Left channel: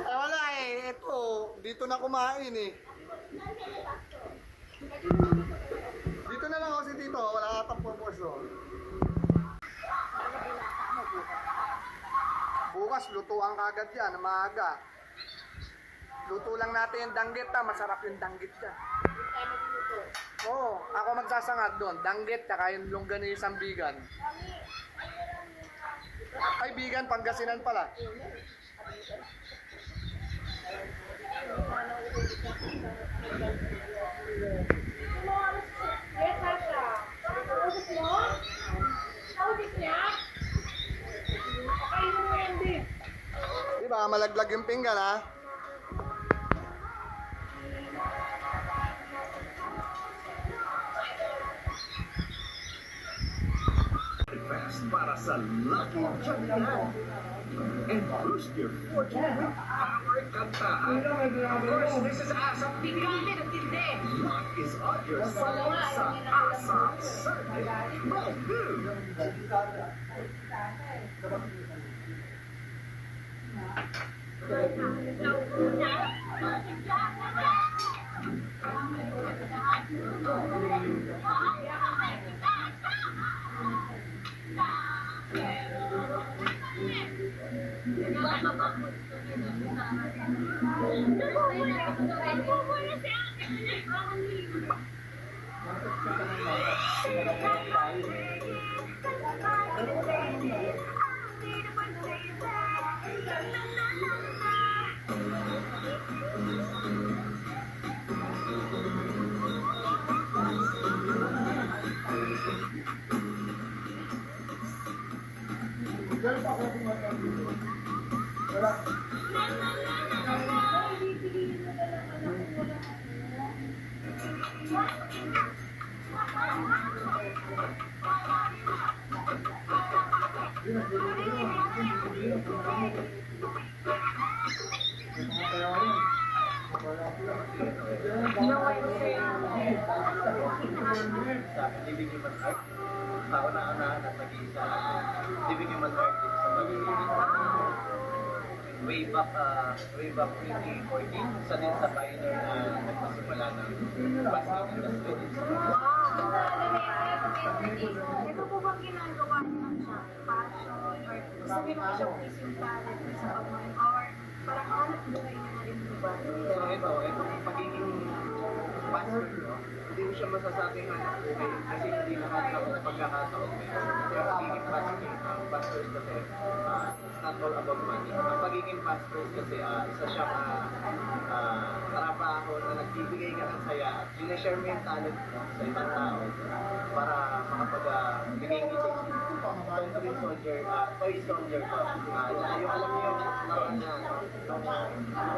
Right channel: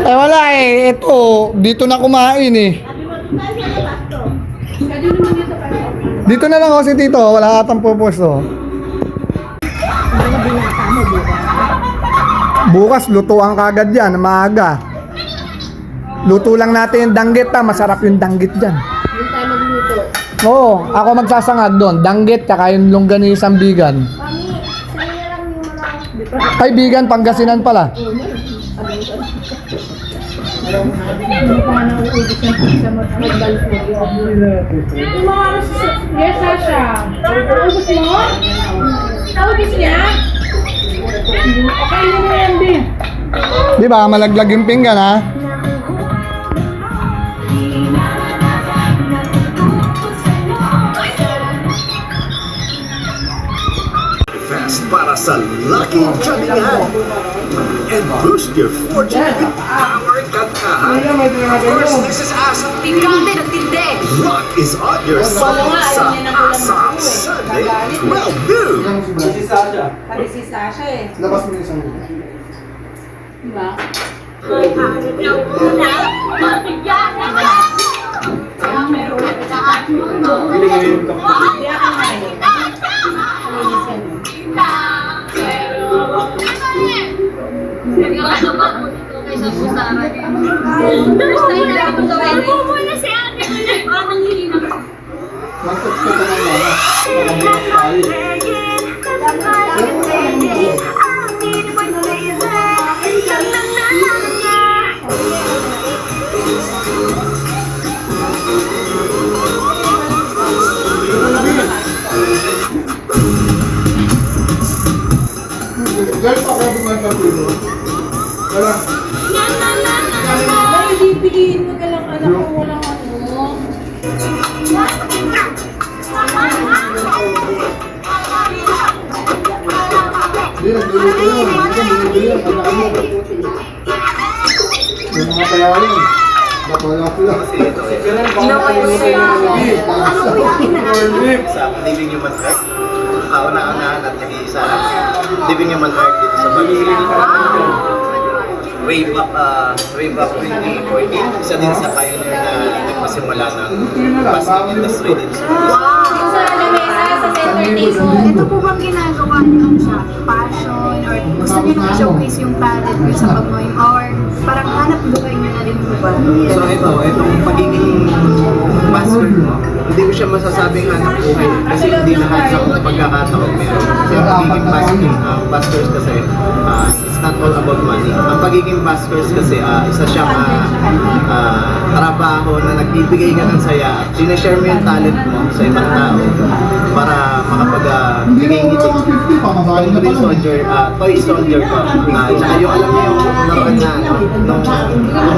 Eh wala eh, ito, dito na kumain eh. Dito na lang ako si Tito, wala atang pupwesto. Bukas, lutuan kagad yan, maaga. Luto lang natin yung danggit masarap yung danggit dyan. Yung tayo magluto. Oo, ako magsasangag doon, danggit, tsaka yung longganisang bigan. Mami, sa'yo lang yung mga... Ay, bigan, Pangasinan pala. Yes, Sasha. Ubus mo? Ubus niya? Okay, yun mo yan, din. Di ba, malaglag yung pinggan ha? Fast para sa Lucky Jamingan and boost your fortune with Power Kantahan. First, this is Asa. Tingkante, nagtindi. Rock is on your side sa Asa Sunday, 12 noon. Pati si Sasha eh. Labas mo yung isang Diba? Ay, bibigyan mo ka lang anak ko walang ano. yung mga tayarin. Bakala sila. Sa Living Human Heart, kauna-unahan at nag-iisa lang. Living Human Heart dito sa Pag-ibig. Way back 2014, isa din sa pioneer na nagpasimula ng basket industry dito sa Sa lamesa, sa center table. Ito po bang ginagawa niyo sa passion or gusto niyo na i-showcase yung talent niyo sa pag-mime or parang hanap buhay niyo na rin po ba? So itong pagiging master mo, hindi ko siya masasabing hanap buhay kasi hindi lahat sa pagkakataon meron. Kasi ang pagiging pastors kasi, it's not all about money. Ang pagiging pastors kasi, isa siyang trabaho na nagbibigay ka ng saya at sinashare mo yung talent mo sa ibang tao para makapagbigay ngiti. Yung Green Soldier, Toy Soldier ko. Tsaka yung alam niyo yung laruan na nung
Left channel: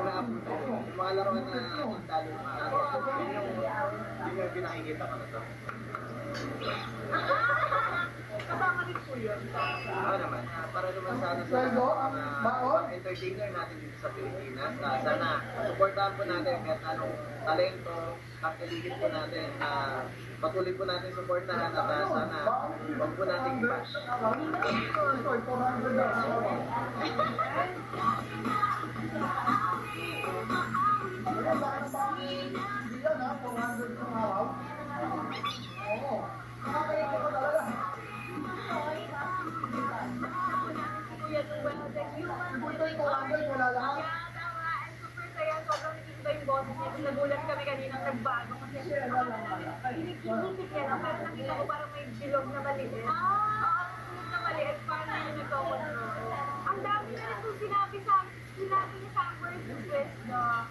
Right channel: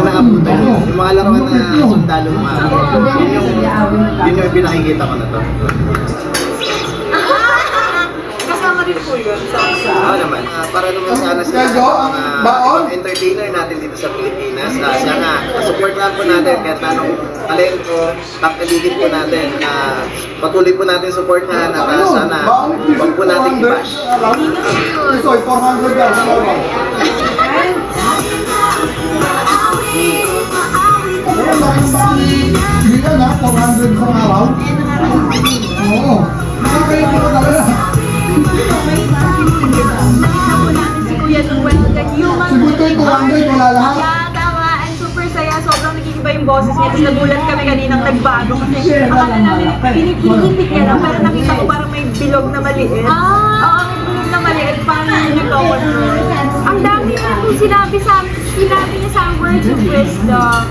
naabutan niyo, yung mga laruan na sundalo mga yun yung pinakikita ko na to. Kasama rin po yun sa Oo naman. Para naman sana sa mga entertainer natin dito sa Pilipinas. Sana support lang po natin kahit anong talento, tangkaligid po natin. Patuloy po natin supportahan at sana huwag po natin i-bash. Ito, 400 yan. Hindi na, 400 sa araw. Oo. Nakakalit ko talaga. si Kuya Noel, the human. Si Butoy, 200, wala lahat. Yeah, tama. And super saya. Sobrang nag-iiba yung boses niya. Tapos nagulat kami kaninang nagbago. Kasi akala namin, pinipinipit niya lang. Pero nakita ko parang may bilog na maliit. Oo, may bilog na maliit. Paano yung nag-control? Ang dami na kung sinabi niya sa words of wisdom.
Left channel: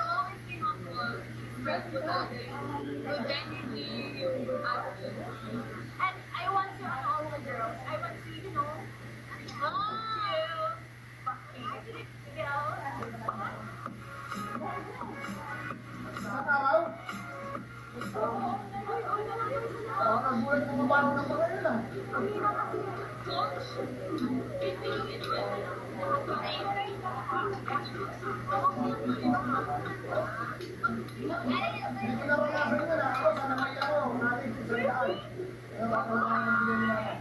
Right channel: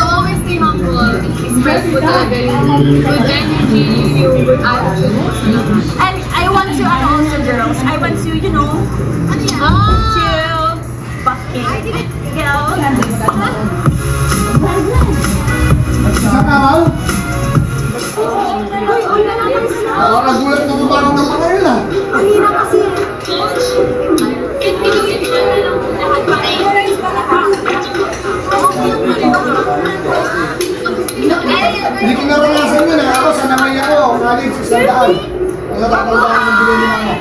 To always stay humble, express mo talaga yung good energy, yung good attitude mo sa lahat. And I want to, also girls, I want to, chill, busking, girls. Isang araw? Uy, na naman sila. Oo, nagulat na parang ng mga yun ah. Ang hirap kasi. Hindi ko naranasan yun ah. Ako, sanamay ako. Nalig sa sandaan. Ang natatandaan ng bilhin ni mama.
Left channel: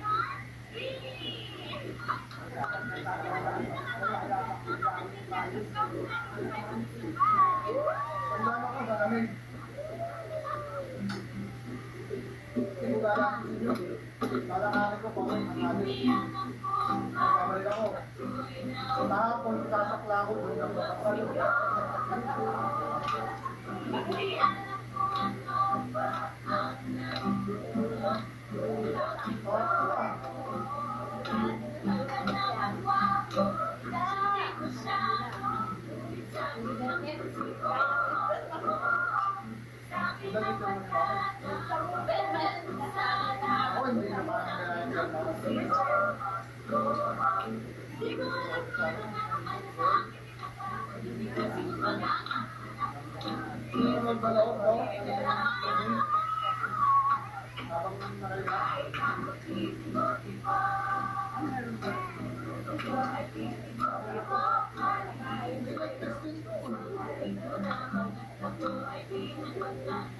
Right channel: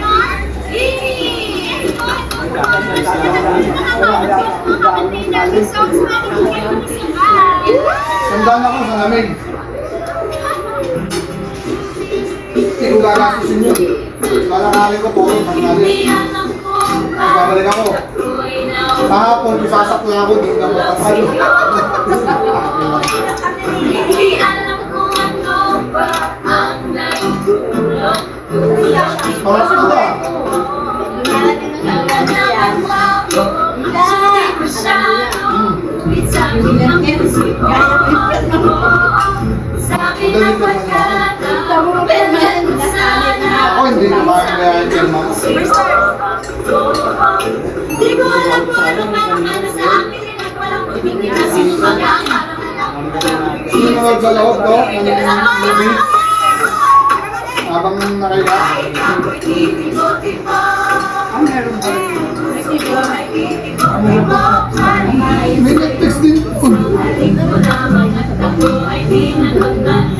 Sandaan ako sa lamig. Hindi ko gagastusin yun. Lalakali ko po, pagkali. Babalik ako. Kahapon, isasakla ako, di na matakalo. Oras ko ba? Ako hindi na makakaya yung film ako. Di ko alam kung ano para sa akin at walang tumingin kasi Sino na magbaloob to? Ng movie? Habang nakaiba? May Netflix din po.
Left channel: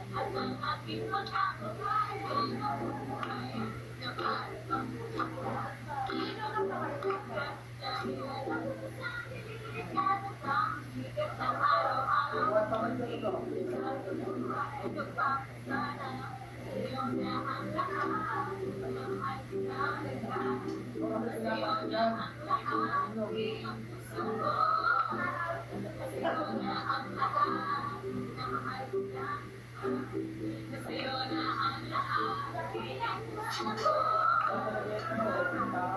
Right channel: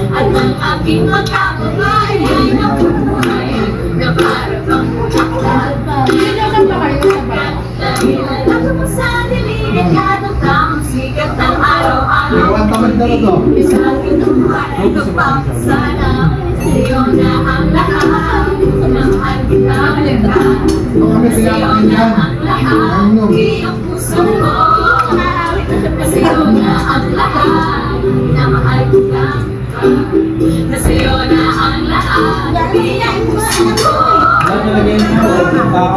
at ang aking magkakabahay ay nabuhay na parang bulaklak. Sino ba kayo sa bahay? Ako po sa delikadong tamang sikat ng araw-araw. Iwan tamad na to. Isang inubuhay ko pa sana sa'yo na ang lahat ng handa. Kami pinapakinggan. Ang lahat, iyong puso ko. Sa'yo na ang lahat, na mahal ko lang. Na sa'yo na ang lahat, iyong puso ko. Lahat talaga yun po.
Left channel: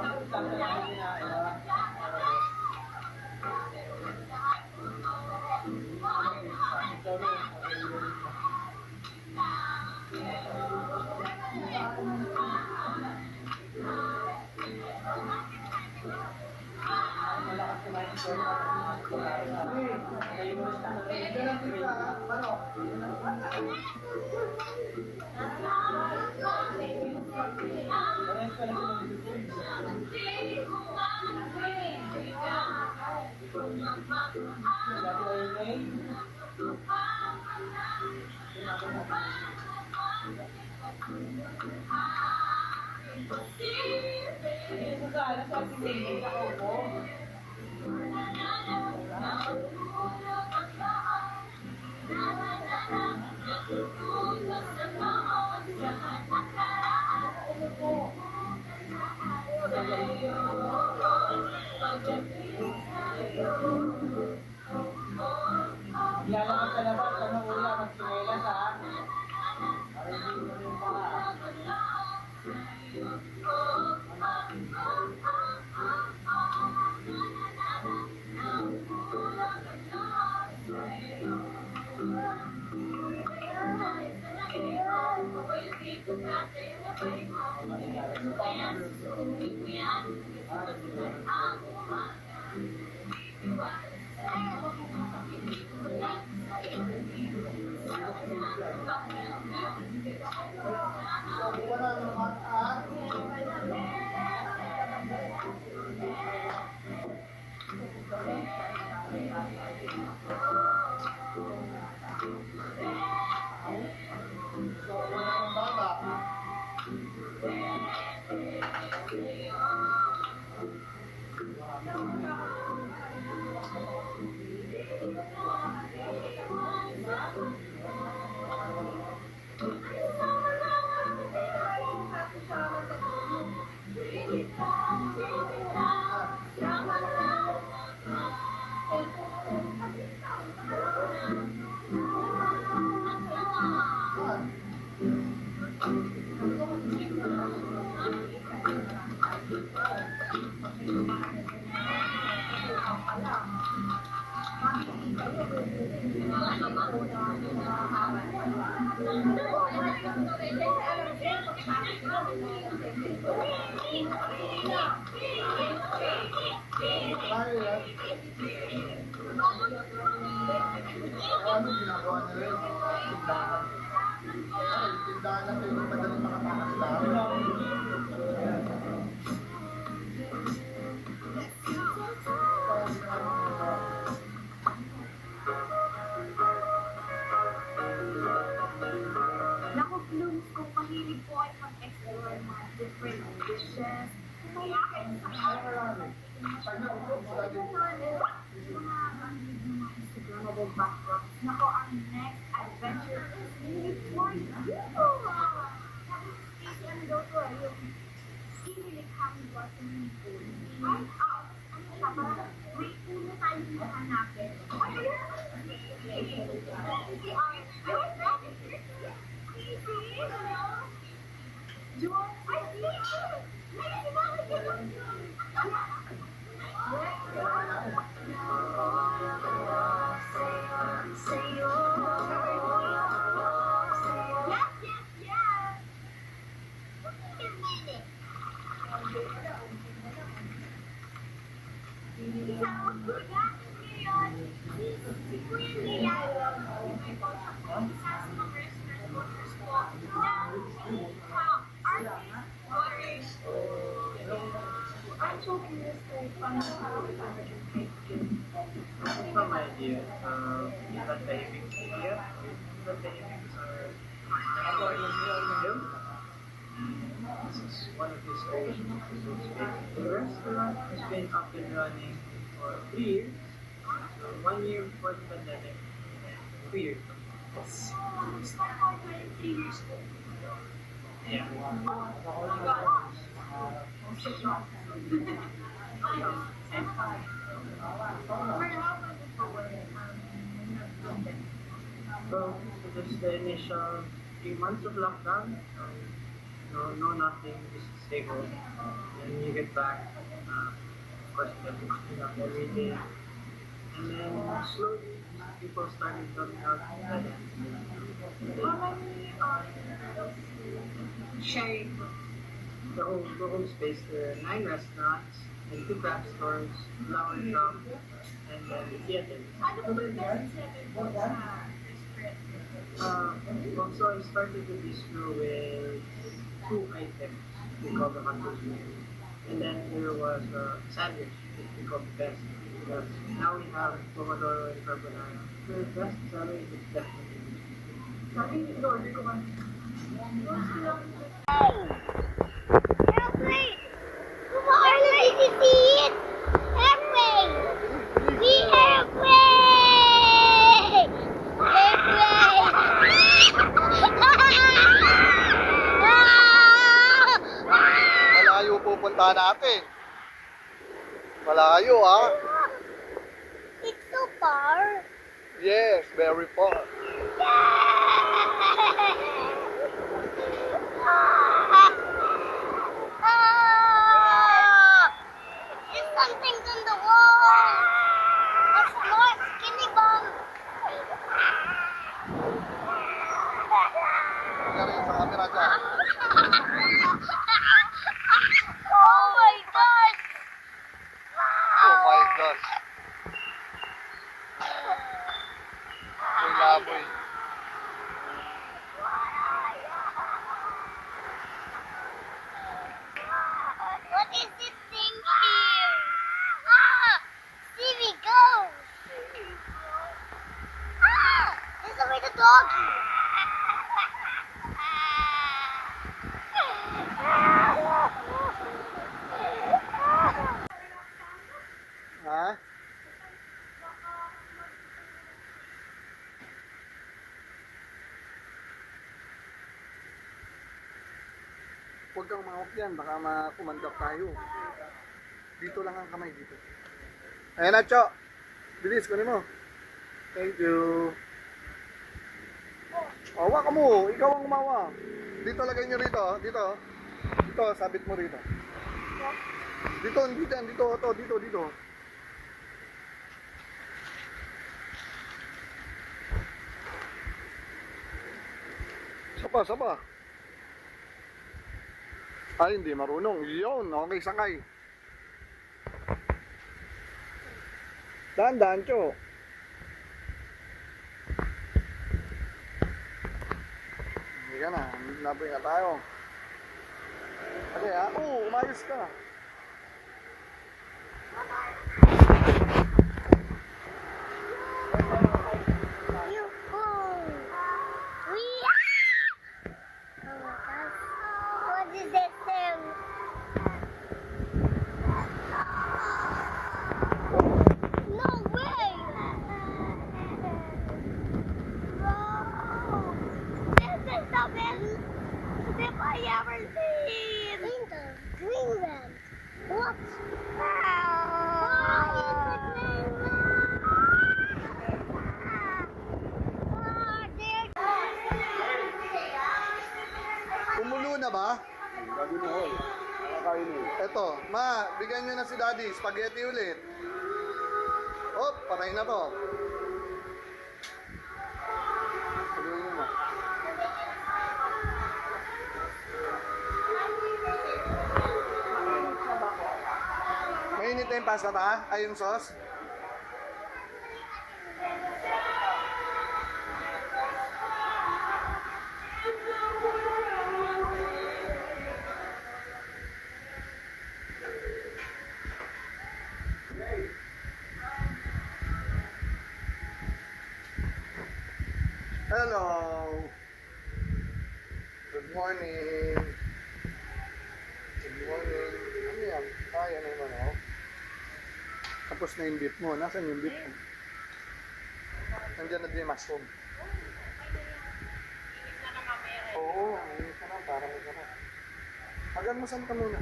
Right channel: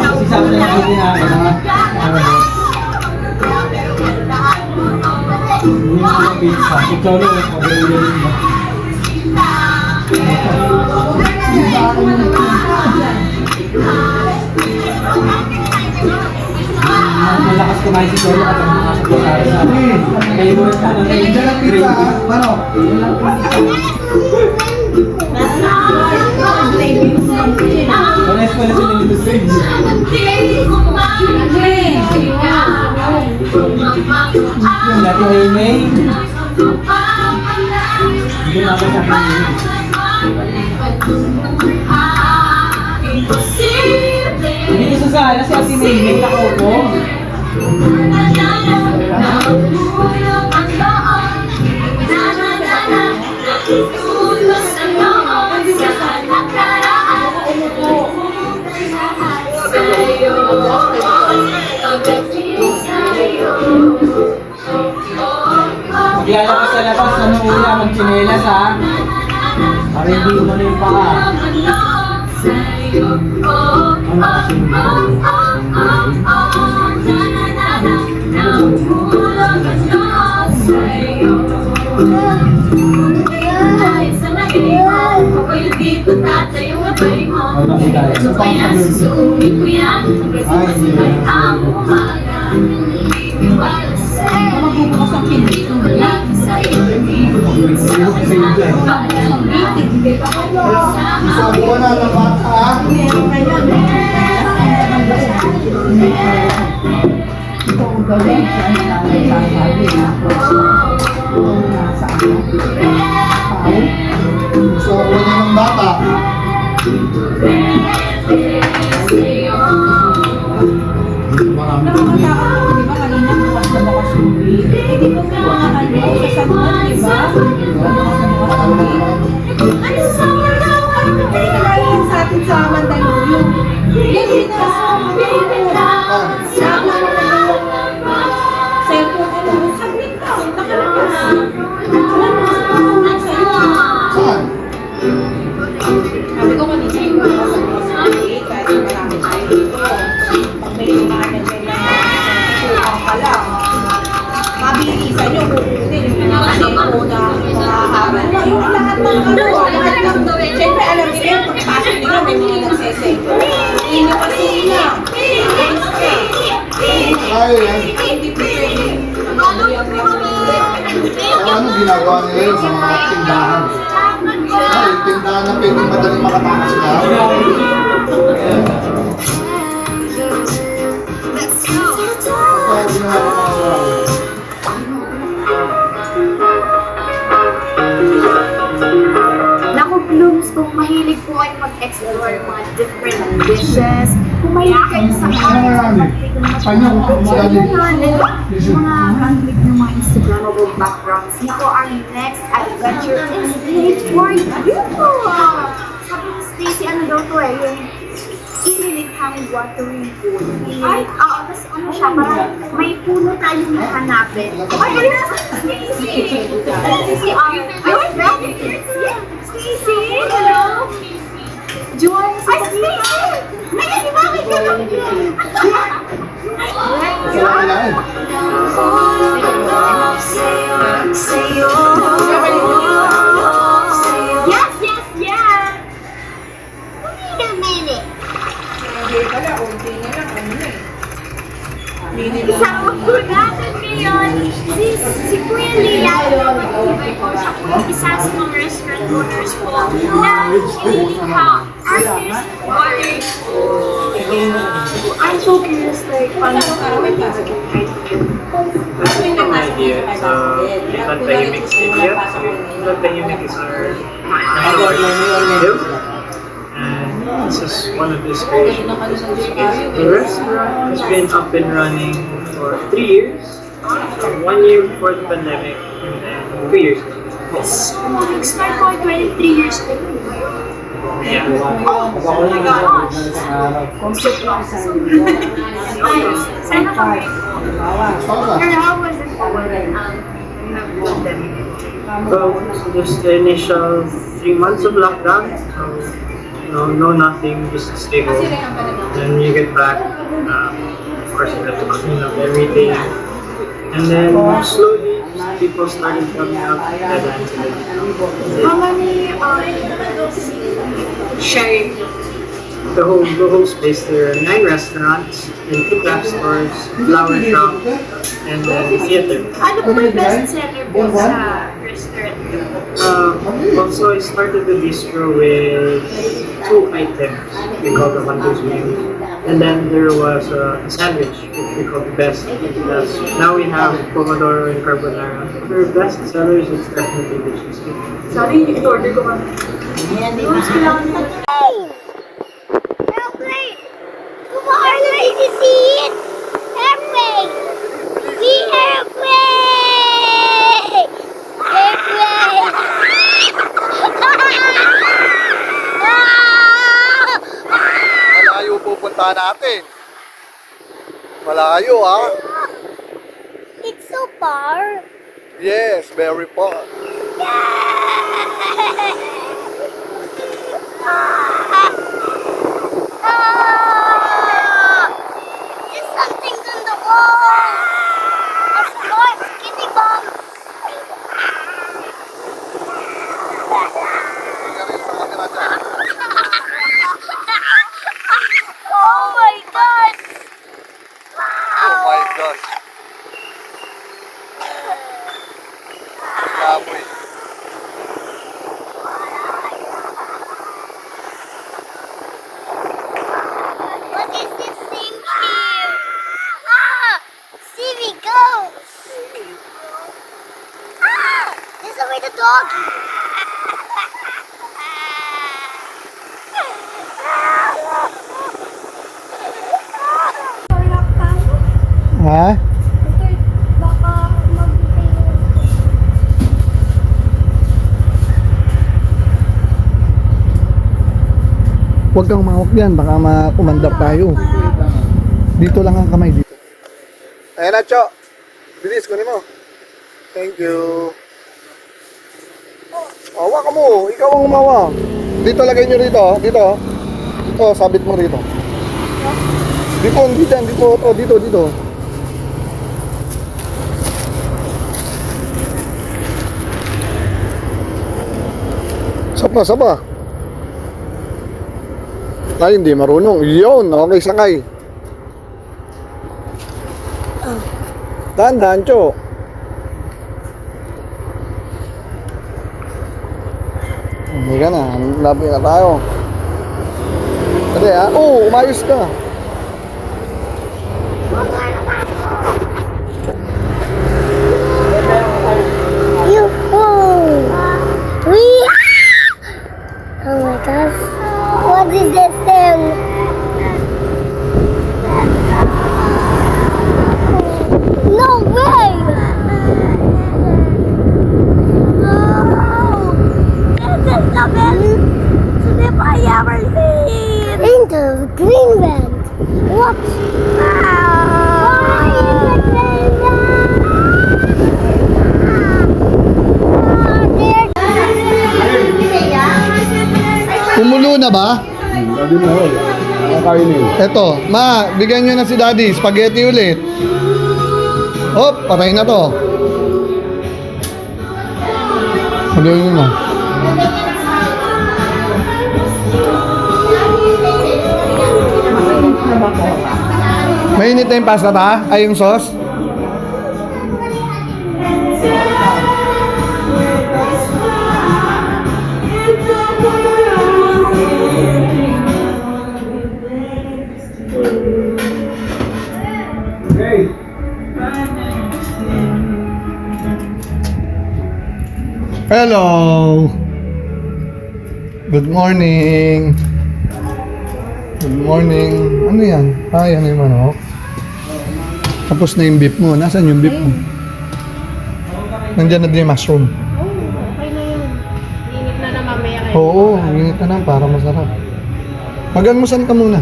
Kasi sa akin ang ginagawa na yung mga pizza. Si Cholo, pag-iulin mo. Malakas kumain si Cholo at ang mga sa pagkara sa akin. Kaya mo rin ka ng Diyan ang pizza, ha? Paano? Pares pala sila nito sa inyo. Yung dati ay May. Hindi na ako sa akin. Hindi ko sasala si Ate May. May nakaupo. Maglalabas sa labas, ano uya, magchinelas ha. Para hindi umano yung paka. Ano kasi ano hidayah? Magbubukas ang pinto. Isabuan na ng bata, ha? Ito ang gawin siya ang sasabi na kung nasa ano. Pao. Isabuan na ng bata. Nakakatakot ako, di ba? Kanina bukas na bukas yung week. Eh, di ba may mga ano, sasagutan, di ba? Bukas na bukas yung week. Hindi ka lang sa atin sa Mandaluyong. Yan din na sa cellphone, ano, saglit lang, nakalabas. Wala na sa cellphone sa'yo. Saan? Sabi ko kanina yung mga sa week, kahit marami tayo dito. Pag may lumanan dyan na susukan ka lang, mabilisan nyo, kukunin yung mga cellphone na makahaba na. Yung lahat ng ano, lahat ng siyempre alam nila yung pagpasok nila, may mga nagseseto. Inyo kasi nila. Kaya yan. Hindi po pwede. Ano ginagawa nila yun sa mga tindahan? Ay, tindahan na pwedeng madaling makatakas sila. Kaya ginagawa nila. Naku, Blooms, kung mahilig po kayo mag-explore mga different dishes, kung mahilig kayo sa art, Kanya, madali. Mga conflict ng mga Instagrammable backgrounds. Nako, our next adventure is made for you. Sabi ni Stacy, ano daw to yung ililikhaming watering pool. Ay, oo, tapos ano siya, parang may puno tayong hanapin. Ay, ay, Stacy! Stacy, ay, Stacy, hello? Juan, ay, Stacy! Ay, bakit ka lang yun? Kailangan. Yes, yes, yes! Wait a minute. Hindi pala, unti na lang, ano na eh. Isama po natin ngayon si Kuya Lian. Mag-ibay po siya po isa sa mga restaurant owners po na inilikha artist watering pool. I'm so curious, like, paano May pasok. idea. So, Not Tahimik Area. Not Tahimik is our video. And this is one of his creations. The restaurant has been up and running for 3 years. 1 year before the pandemic, and then 3 years ago. Start po 23 years old. Yeah. Oh my gosh! Sana kami. Pero how was it nag-pandemic? Well, just the initial 3 months of lockdown. No nothing, just stay home. Then you get back, of course you have to clean up everything. And then slowly, people started coming out, deadlines and everything. How many sharing? The whole space, there are 9 restaurants, and 2 craft stores, flower shop, and then theater. Ano po yung best seller po sa restaurant? Also, I started the bistro with 2 items we call the Hunter's Meal. And then there was a sandwich, which we call the best. Now we have Pomodoro and Carbonara. For best sellers, it's definitely the cheesecake. Sorry, nag-order ko kami. Airplane! Come on, let me see it! Airplane! The airplane! Airplane! Malayo pupunta natin. Malayo, ha? It's so far. Yes, very far. There's something on the wall. A small skinny bomb. Oh my god! Oh my gosh. Kapoy. What is this thing here? See me go! This is where the dog. Ha? Baka Huwag kang mahawak yan, baka makumandar tayo. Dito lang ang kamay dito. Ayan na, Cho. Bilis, kunin mo. Thank you. Hawa ka mo, ikaw ang umawa. Dito lagay nyo rito, dito. Ito, sabit mo rito. Dito, dito. Saba. Ay, hindi marunong. Yun, okay, sakay. Dahan-dahan, Cho. Hindi ka na, lapit na tayo. Dali ha, umayos ka. Oh my gosh. What is this thing? Kumulo na ba? Eto, ma, bigyan nyo na si daddy. Spaghetti ulit. Hop, patay na to. Haluin nyo na. Mainit na yung pasta ta? Ay, yung sauce? Hello. Good morning. Good morning. Ano yan? Ay, ano yung manok? Tapos na yung beef mo. Nasaan yung beef mo? Nandiyan na din yung mushroom. Okay na yun. Init na na mamaya kayo. Oo, init na lang para masarap. Mag-almusal ka muna.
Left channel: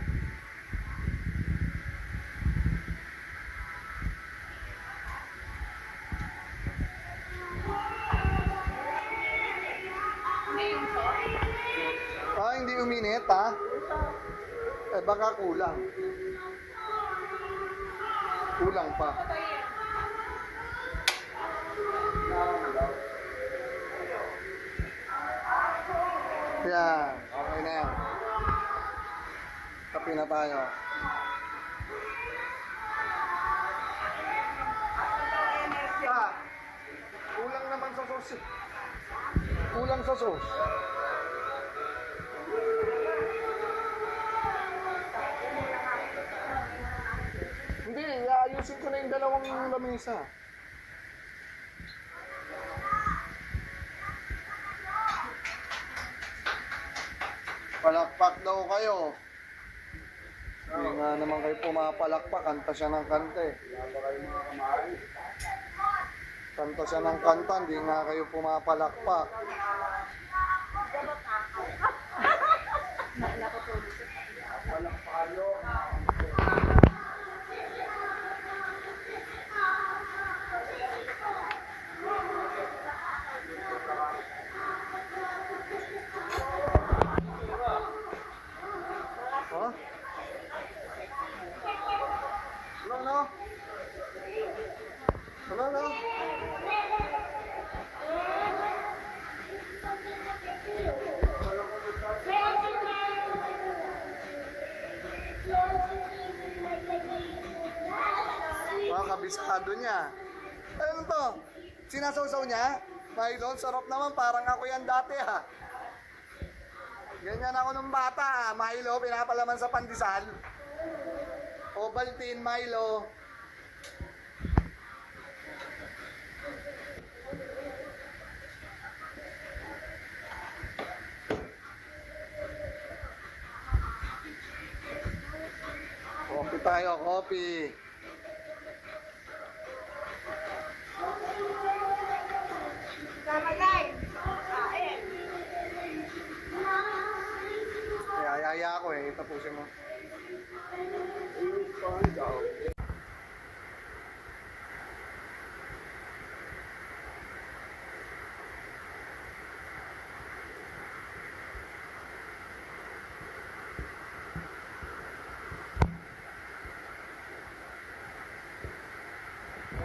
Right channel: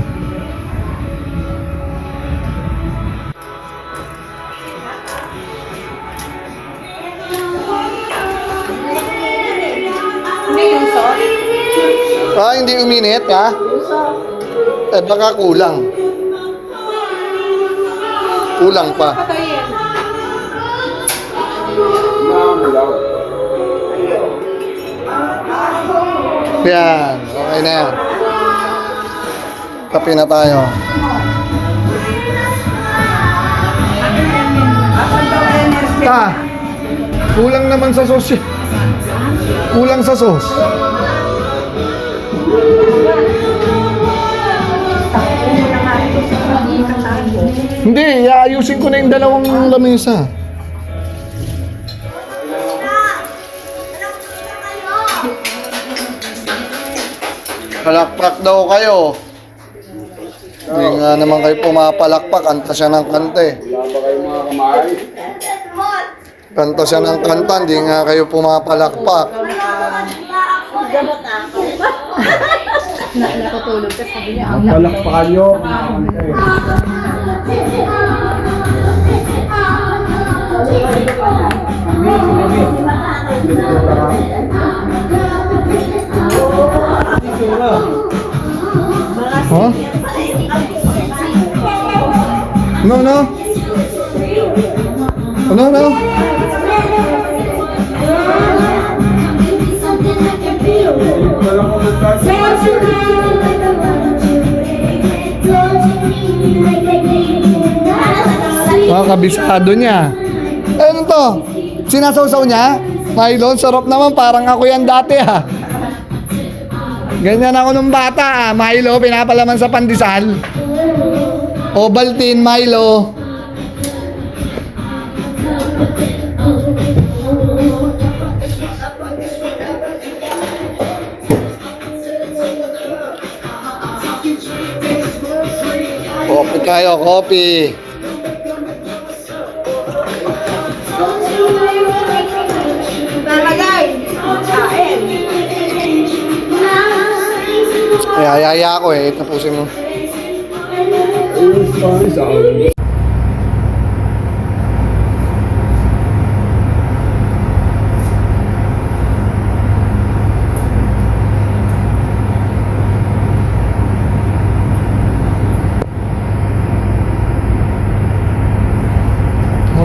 Hindi yung sauce. Ah, hindi uminit ha? Eh, baka kulang. Kulang pa. Patayin. Yan, okay na yan. Kape na tayo. Ta, kulang naman sa sauce. Kulang sa sauce. Hindi, iayusin ko na yung dalawang lamesa. Palakpak daw kayo. Hindi nga naman kayo pumapalakpak. Kanta siya ng kanta eh. Kanta siya ng kanta, hindi nga kayo pumapalakpak. Natutulog ka sabi niya. Palakpakan nyo. Huh? No, no. No, no. Kabisado niya. Eh, ano to? Sinasawsaw niya? Milo, sarap naman. Parang ako yan dati ha. Ganyan ako nung bata ah. Milo, pinapalaman sa pandesal. Ovaltine, Milo. Coffee kayo, coffee. Talagay. Kain. Ayaya ako eh. Tapusin mo.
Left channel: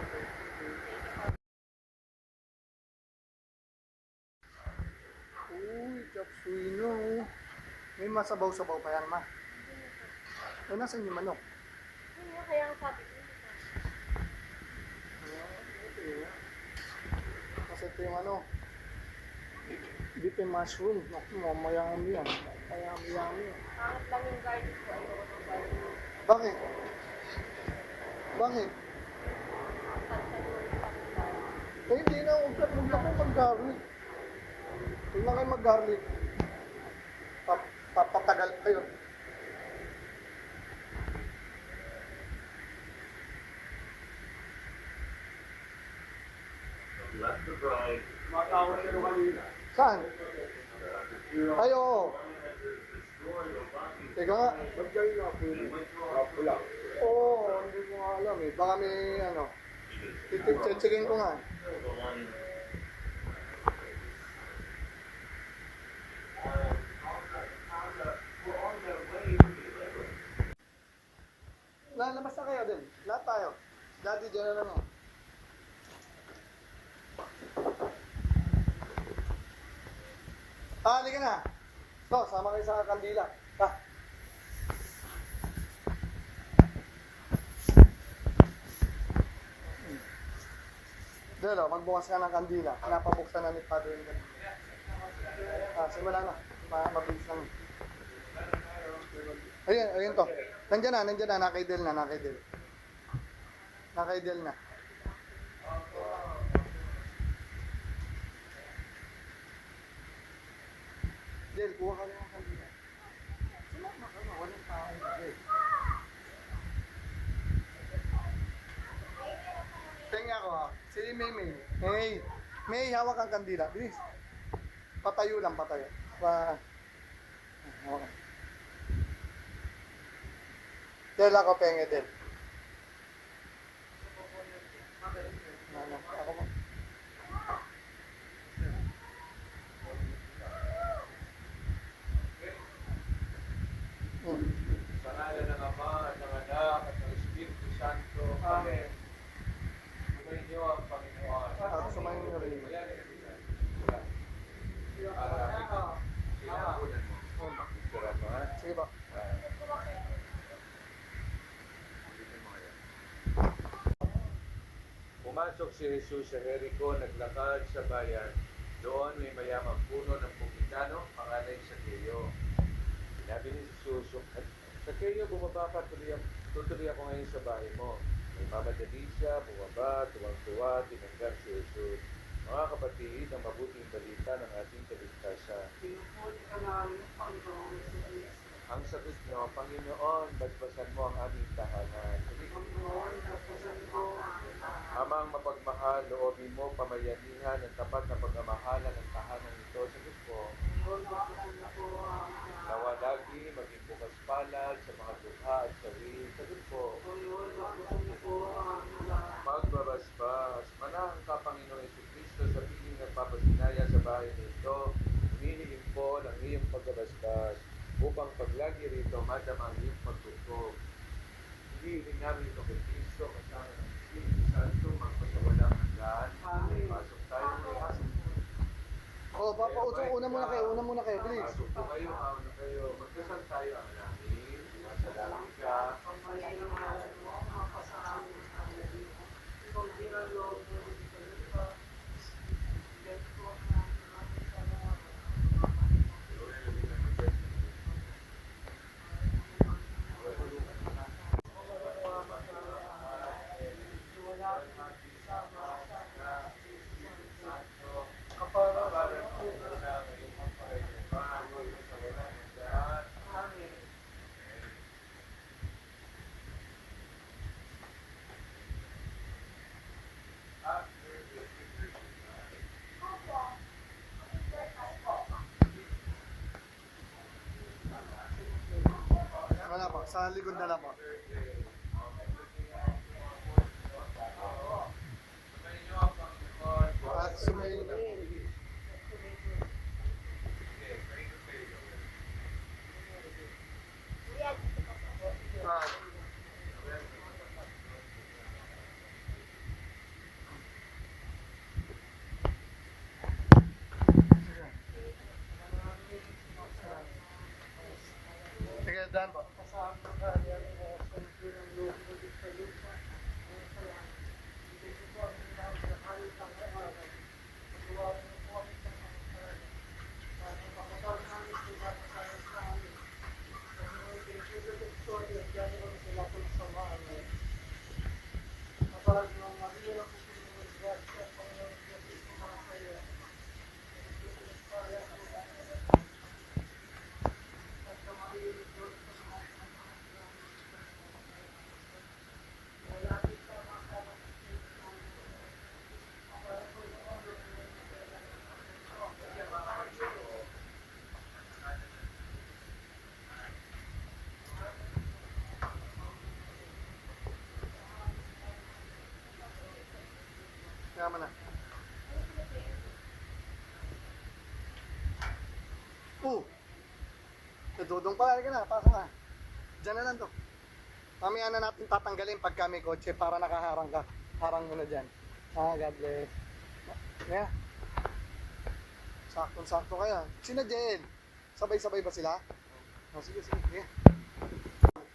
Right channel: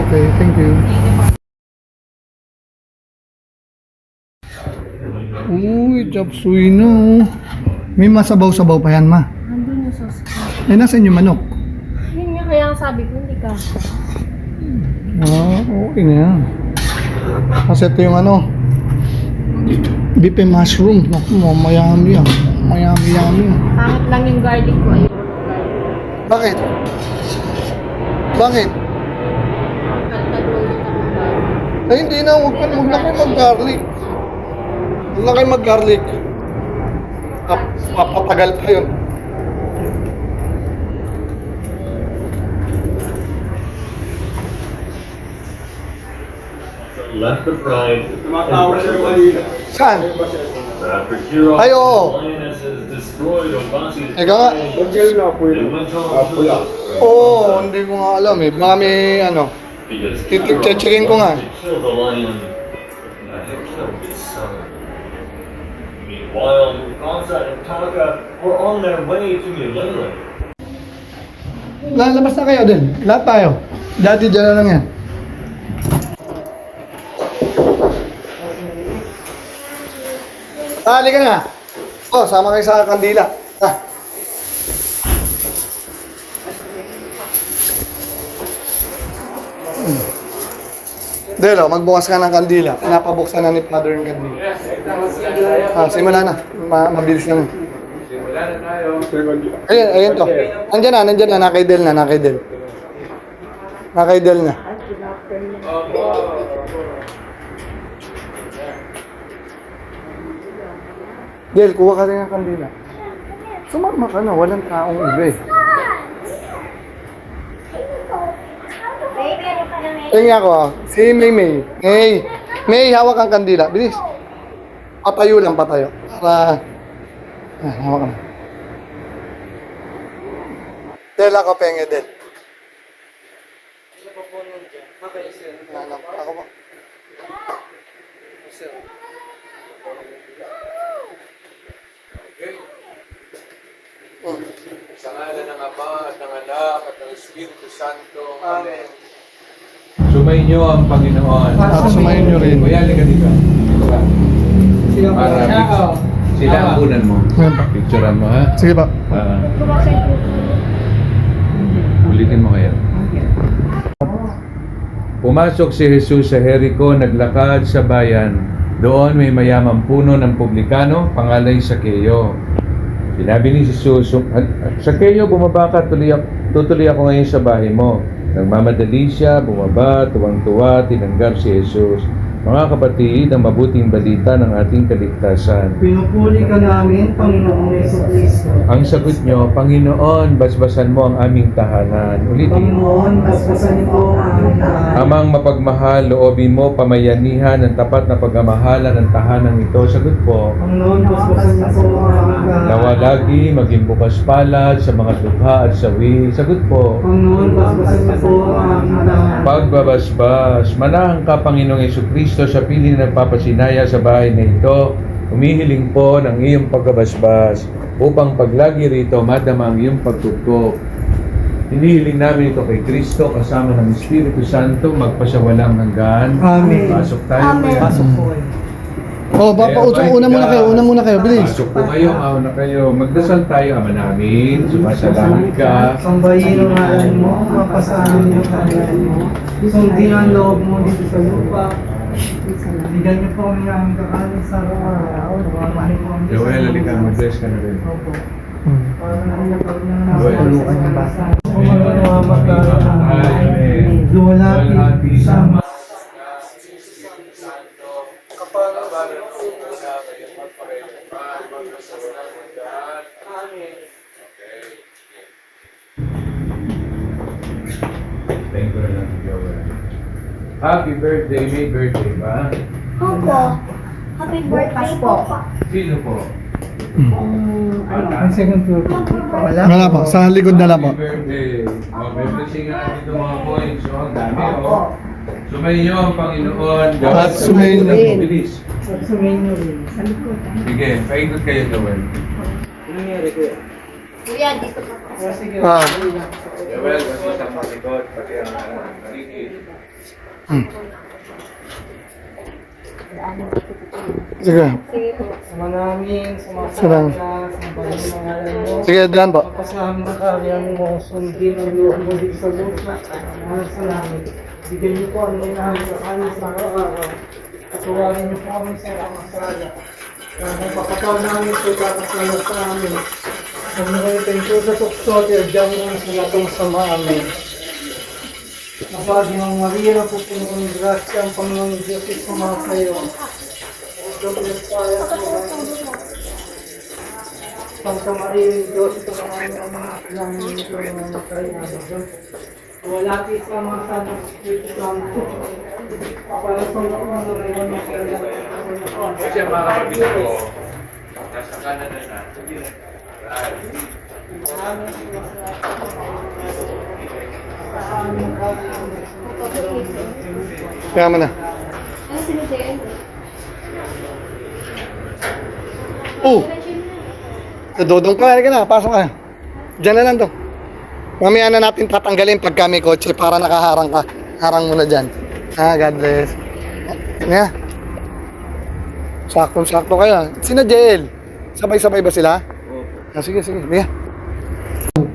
Okay, thank you. Uy, chop suey no. May masabaw-sabaw pa yan, ma. Nandun yung sauce. Eh, nasan yung manok? Yun nga kaya ang sabi ko, hindi ka. Ah, okay na yan. Kasi ito yung ano, beef and mushroom. Naku, mayami yan. Mayami-yami yan. Pangit lang yung garlic ko. Ayoko ng garlic. Bakit? Bakit? Nag-roll na ng garlic. Ay, hindi na. Huwag na kayo mag-garlic. Huwag na kayo mag-garlic. Papatagal pa yun. Left of right. Saan? Ay, oo. Ikaw nga. Oo, hindi ko nga alam eh. Mga may ano. Checkin ko nga. Meanwhile, Gonza and Taka were on their way to Manila. Lalabas na kayo din. Lahat tayo. Dati dyan na lang yan. Halika na. Oh, sama kayo sa kandila. Ah. Delo, magbukas ka ng kandila. Napabuksan na ni Father yung kandila. Ah, simula na. Mabilis lang. Ayun, ayun to. Nandiyan na, nakaidel na, nakaidel. Nakaidel na. Del, kuha ka rin ng kandila. Sumama ka na, walang taong iba eh. Tingnan ako, si May. May, hawak ang kandila. Bilis. Patayo lang, patayo. Para... hawak ka na. Del, ako penge, Del. Ako po. Sa ngalan ng Ama at ng Anak at ng Espiritu Santo. Amen. Sumayin niyo ang Panginoon. At sumayin niyo rin. Kuya, halika dito. Dito ka. Sila ang unan mo. Picturean mo, ha? Sige pa. Ulitin mo kaya. Pumasok si Jesus sa Jericho, naglakad sa bayan. Doon may mayamang puno ng publikano, pangalan Sakeo. Sinabi ni Jesus, Sakeo, bumaba ka, tutuloy ako ngayon sa bahay mo. Nagmamadali siya, bumaba, tuwang-tuwa, tinanggar si Jesus. Mga kapatid, ang mabuting balita ng ating kaligtasan. Pinupuli ka namin, Panginoong Jesucristo. Ang sagot nyo, Panginoon, basbasan mo ang aming tahanan. Ulitin. Panginoon, basbasan niyo po ang aming tahanan. Amang mapagmahal, loobin mo pamayanihan ng tapat na pagmamahala ng tahanan ito. Sagot po. Panginoon, basbasan niyo po ang aming tahanan. Nawa lagi maging bukas palad sa mga dukha at sawi. Sagot po. Panginoon, basbasan niyo po ang aming tahanan. Pagbabasbas, manahan ka, Panginoong Jesucristo, sa piling na nagpapasinaya sa bahay na ito. Humihiling po ng iyong pagbabasbas upang paglagi rito madama ang iyong pagtugtog. Hinihiling namin ito kay Kristo kasama ng Espiritu Santo magpasawalang hanggan. Amen. Pasok tayo. Amen. Pasok po. Oh, una muna kayo, bilis. Pasok po kayo, una kayo. Magdasal tayo, Ama namin. Sumasalangit ka. Sambahin ang ngalan mo, mapasahan niyo ang ngalan mo. Sundin ang loob mo dito sa lupa. Bigyan niyo po ang aming kakanin sa araw-araw. Mamahin po ang Joel, halika, mag-bless ka na rin. Opo. Para namin pag Joel. nananawagan ng basa. Kung mananawagan ng duwalati sama. Thank you lang, Joel. Happy birthday, may birthday ba? Opo. Happy birthday po. Sino po? Ang second floor. Wala. Wala po, sa likod na lang po. Happy birthday. May blessing nga dito mga points. Ang dami, oh. Sumayin niyo ang Panginoon. At sumayin niyo po. Bilis. Sumayin niyo rin. Sa likod. Sige, paikot kayo, Joel. Nangyari ko yan. Kuya, dito pa po. Sige. Ah. Joel, kasi sa palikot, pati ang paligid. Sige. Sama namin, Sarang. sumasama ka, sambahin ang ngalan mo. Sige, dyan po. Papasama ng karyan mo, sundin ang loob mo dito sa lupa. Mahal sa namin. Bigyan niyo po ang minahan sa kanin sa araw-araw. Patuwarin niyo po kami sa mga sala. Kaya papatawag namin ito kakasalat sa amin. Huwag na kayo tayo sa tukso at diyan mo sa latong sama amin. Kapag ng Maria, pupuno ng grasya ang Panginoon Diyos sumama sa iyo. Santa Maria, Diyos, ito ang aming mga kailangan nito ng mga kailangan. Wala sa mga sana ng Espiritu Santo. Para sa mga kailangan ng kailangan. Kasi mga kapatid ko, nasa Canada na. Kaya mo na. Dodong ka, halika na, pasok ka. Diyan na lang to. Mamaya na natin tatanggalin pagka may kotse para nakaharang ka. Harang mo na dyan. God bless. Nga. Saktong-sakto kayo. Sina Jael? Sabay-sabay ba sila? Sige. Halika.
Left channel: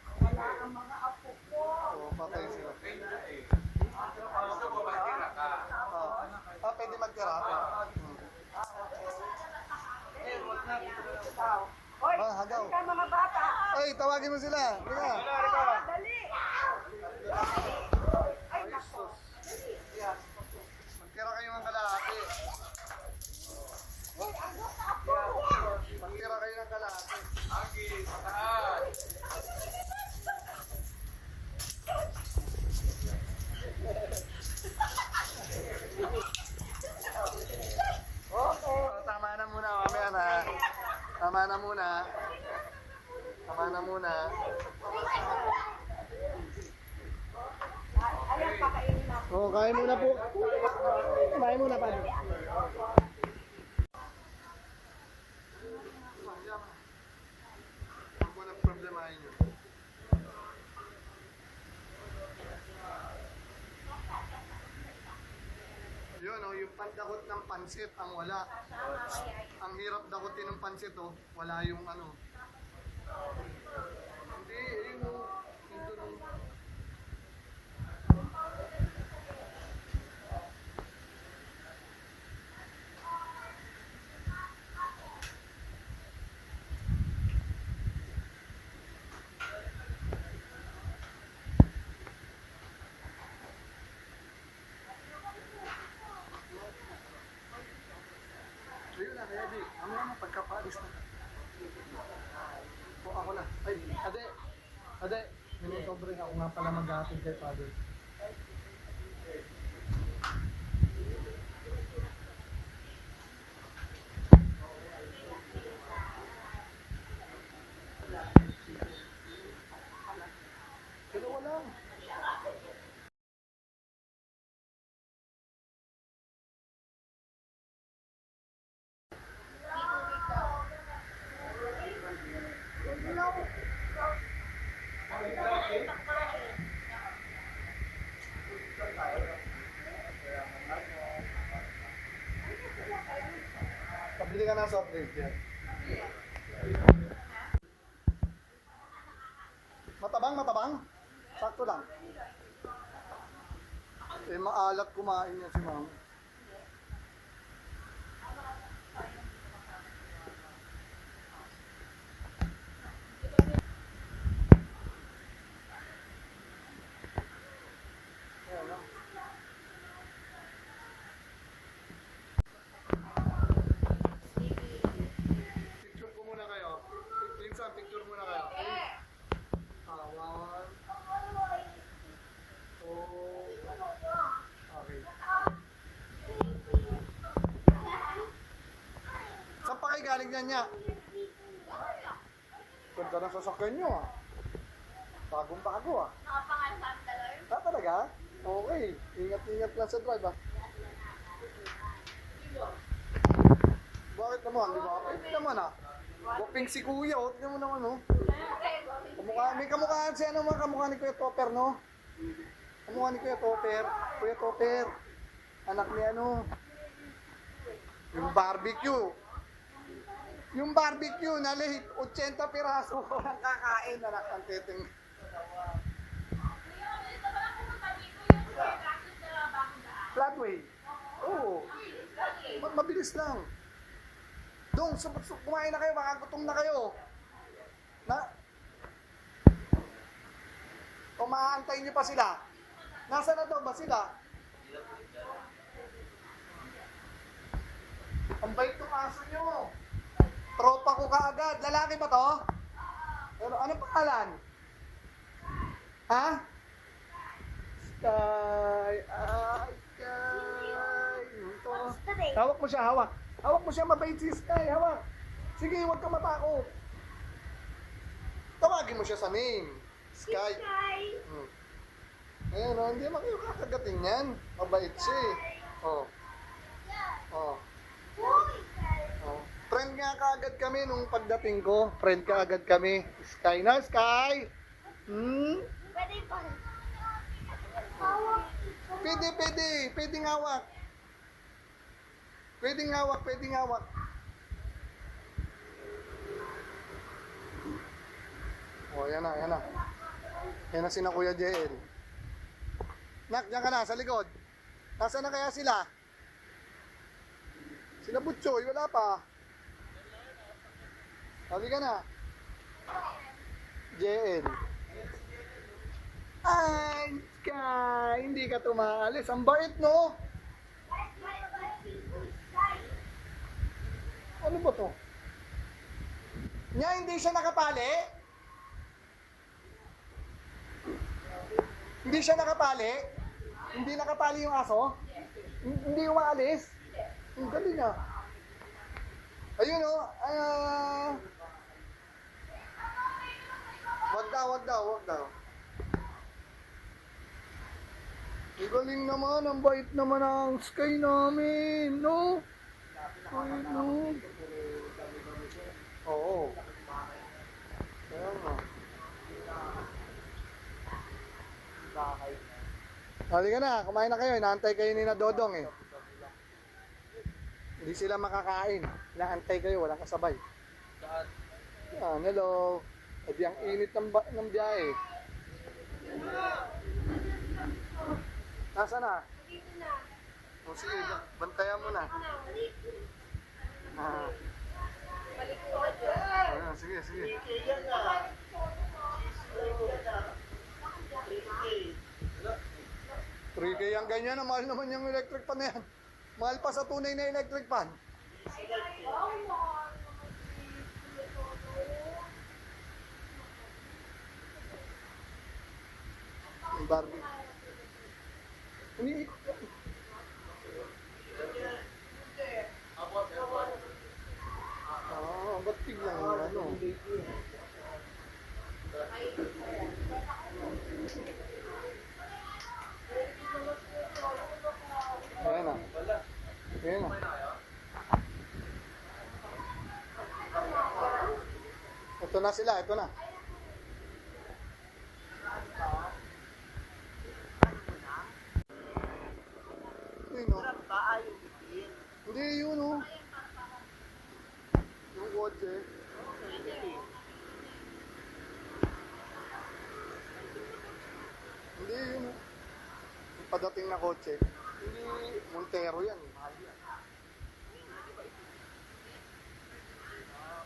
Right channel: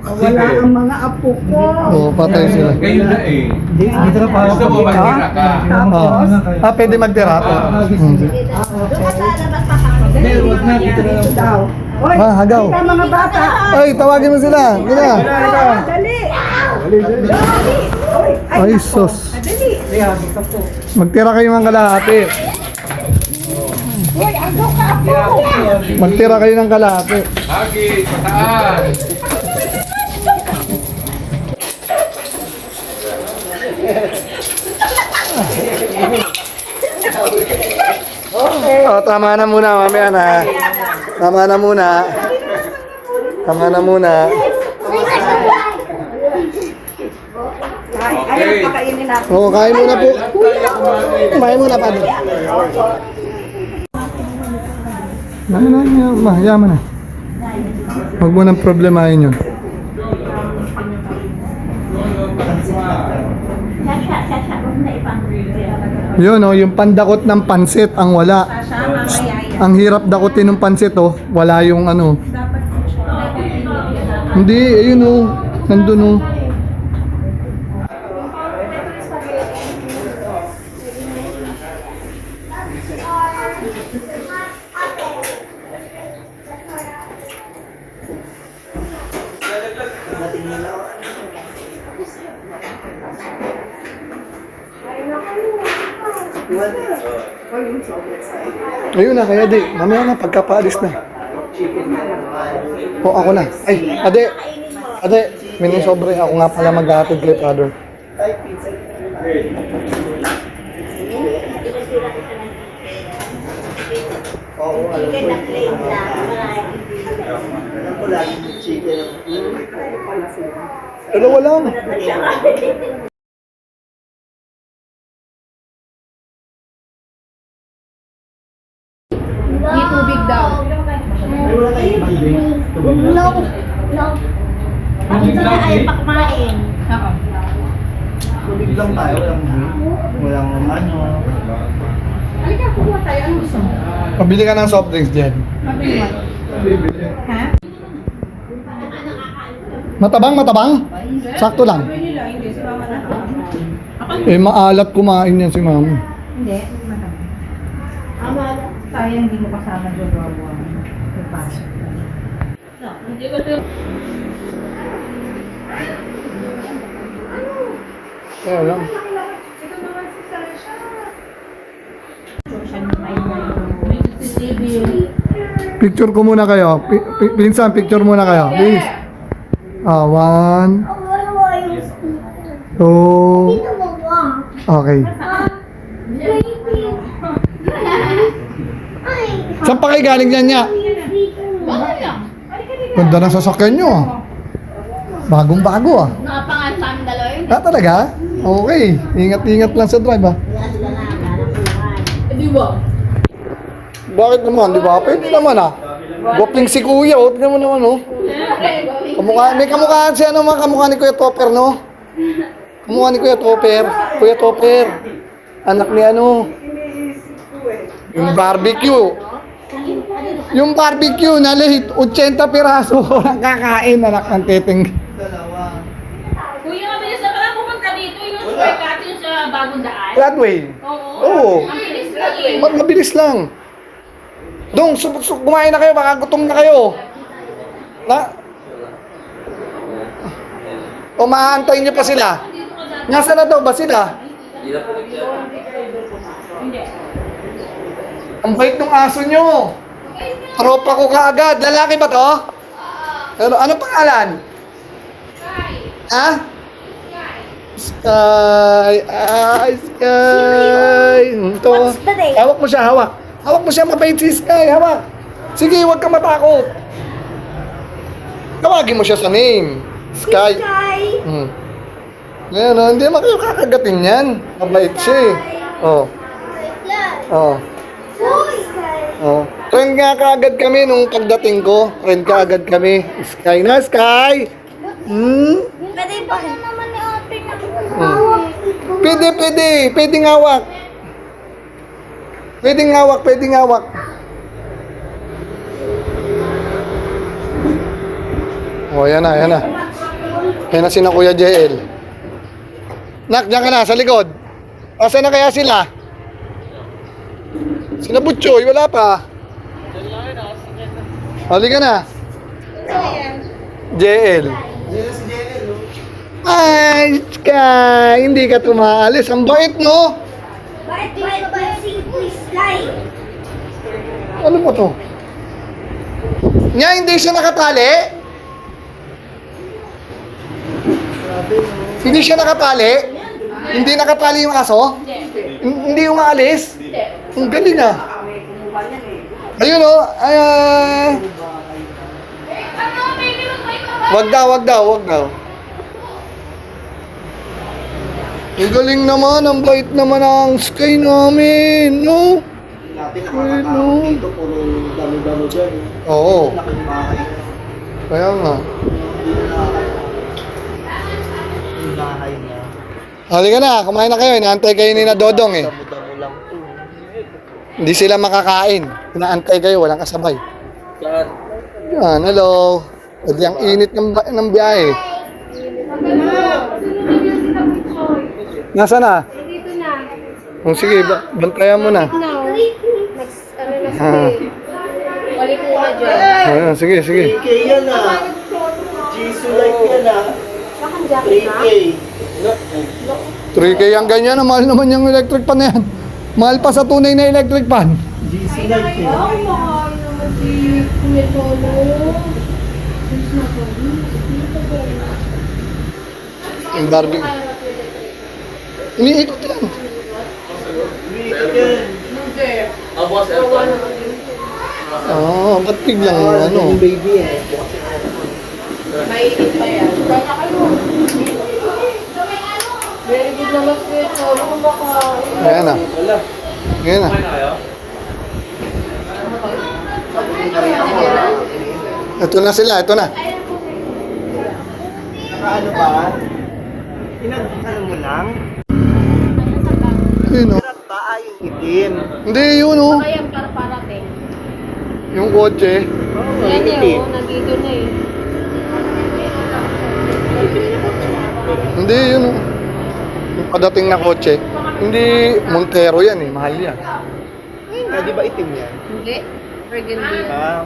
Wala ang mga apo ko. Oo, patay sila. Ngayon na eh. Dito na pa Gusto mo magtira ka? Pwede magtira. Huwag na, dito na lang daw. Hagaw. Mga bata. Ay, tawagin mo sila. Gina. Dali. Ay, sus. Dali. Magtira kayo ng kalahati. Magtira kayo ng kalahati. Hagi, pataan. Tama na muna, mamaya na. Tama na muna. Okay. Oo, kain muna po. Kumain muna pa. Mahayaman na. Huwag mo nang problemahin yun. Yun yung pandakot ng pansit ang wala. Ang hirap dakotin ng pansit wala yung ano. Hindi, ayun nandun Ayun na, kaya di, mamaya na, pagkapaalis na. Ako na. Ay, ade, may sobre. Ako nga pala maghahatid kay Father. Dalawa lang. May tubig daw. No. Bakit na ayaw pa kumain? Oo. Tubig lang tayo, walang ano. Halika, kuha tayo. Ano gusto mo? Pabili ka ng soft drinks dyan. Mabili mo. Ha? Matabang? Sakto lang. Mabili lang. Hindi, si mama na. Maalat kumain yan si mama. Hindi, matang. Sayang hindi mo kasama yung gawa. Ipasok. Hindi ko ito. Kaya lang. Ito naman si Sasha. Picture ko muna kayo. Pinsan, picture muna kayo. Please. 1, 2. Okay. Saan pa kayo galing yan niya? Ganda ng sasakyan nyo Bagong-bago Nakapangan sa aming dalawa yun. Talaga? Okay. Ingat-ingat lang sa drive Di ba? Bakit naman? Di ba? Pwede naman Gopling si Kuya tignan mo naman May kamukhaan siya mga kamukha ni Kuya Topper Kamukha ni Kuya Topper. Kuya Topper. Anak ni yung barbecue. Yung barbecue na lahit 80 piraso ang kakain anak ng teteng. Kuya, mabilis na pala pumunta dito yung shortcut yung sa bagong daan. Flatway. Oo. Ang bilis lang eh. Mabilis lang. Dong, kumain na kayo, baka gutom na kayo. O maaantayin niyo pa sila? Nasaan na daw ba sila? Ang bait ng aso nyo. Tropa ko kaagad. Lalaki ba to? Ano pangalan? Ha? Sky. Sky. Ito. What's the name? Hawak mo siya, hawak. Hawak mo siya, mabait si Sky. Hawak. Sige, huwag ka matakot. Tawagin mo siya sa name. Sky. Hmm. Ngayon, oh, hindi mo kayo kakagatin yan. Mabait siya eh. Oh. Oh. Oh. Friend nga kaagad kami nung pagdating ko. Friend kaagad kami. Sky na, Sky! Hmm? Pwede ba naman ni ate na Pwede, pwede. Pwede ngawak. Pwede ngawak, pwede ngawak. Oh, yan na, yan na. Yan na sina Kuya JL. Nak, diyan ka na, sa likod. Asa na kaya sila? Sina Butchoy, wala pa. Halika na. JL. Ay, Sky, hindi ka tumaalis. Ang bait, no? Bakit ba si Sky? Ano ba to? Nga, hindi siya nakatali? Hindi siya nakatali? Hindi nakatali yung aso? Hindi umaalis? Ang galing ah. Ayun o. Wag daw, wag daw, wag daw. Ang galing naman, ang bait naman ang Sky namin, no? Natin nakakakakot dito, puro dami-dami dyan. Oo. Laking bahay. Kaya nga. Yung bahay niya. Halika na, kumain na kayo. Inaantay kayo ni na Dodong eh. Damo-damo lang to. Hindi sila makakain. Inaantay kayo, walang kasabay. Saan? Yan, hello. Pwede ang init ng biyahe. Nasaan na? Dito na. Oh, sige, bantayan mo na. No. Ah. Balik mo na dyan. Ayan, sige, sige. 3K yan ah. Jisoo like yan ah. 3K. 3K ang ganyan, mahal naman yung electric pan na yan. Mahal pa sa tunay na electric pan. Jisoo like yan. Mahal naman si Kumitolo. Yung Barbie. Iniikot yan. Ah, ba't biglang ano? Baby eh. Mainit pa yan. Kaya kayo. Very good naman si Kumitolo. Kung baka... Ayan na. Ayan na. Ito na sila, ito na. Ano ba? Ano mo lang? Ayun o. Ba ay yung itim? Hindi, yun o. Kaya para parating. Yung kotse. Yan eh, nandito na eh. Hindi, yun o. Yung padating na kotse. Hindi, Montero yan eh. Mahal yan. Di ba itim yan? Hindi. Burgundy yan. Ah,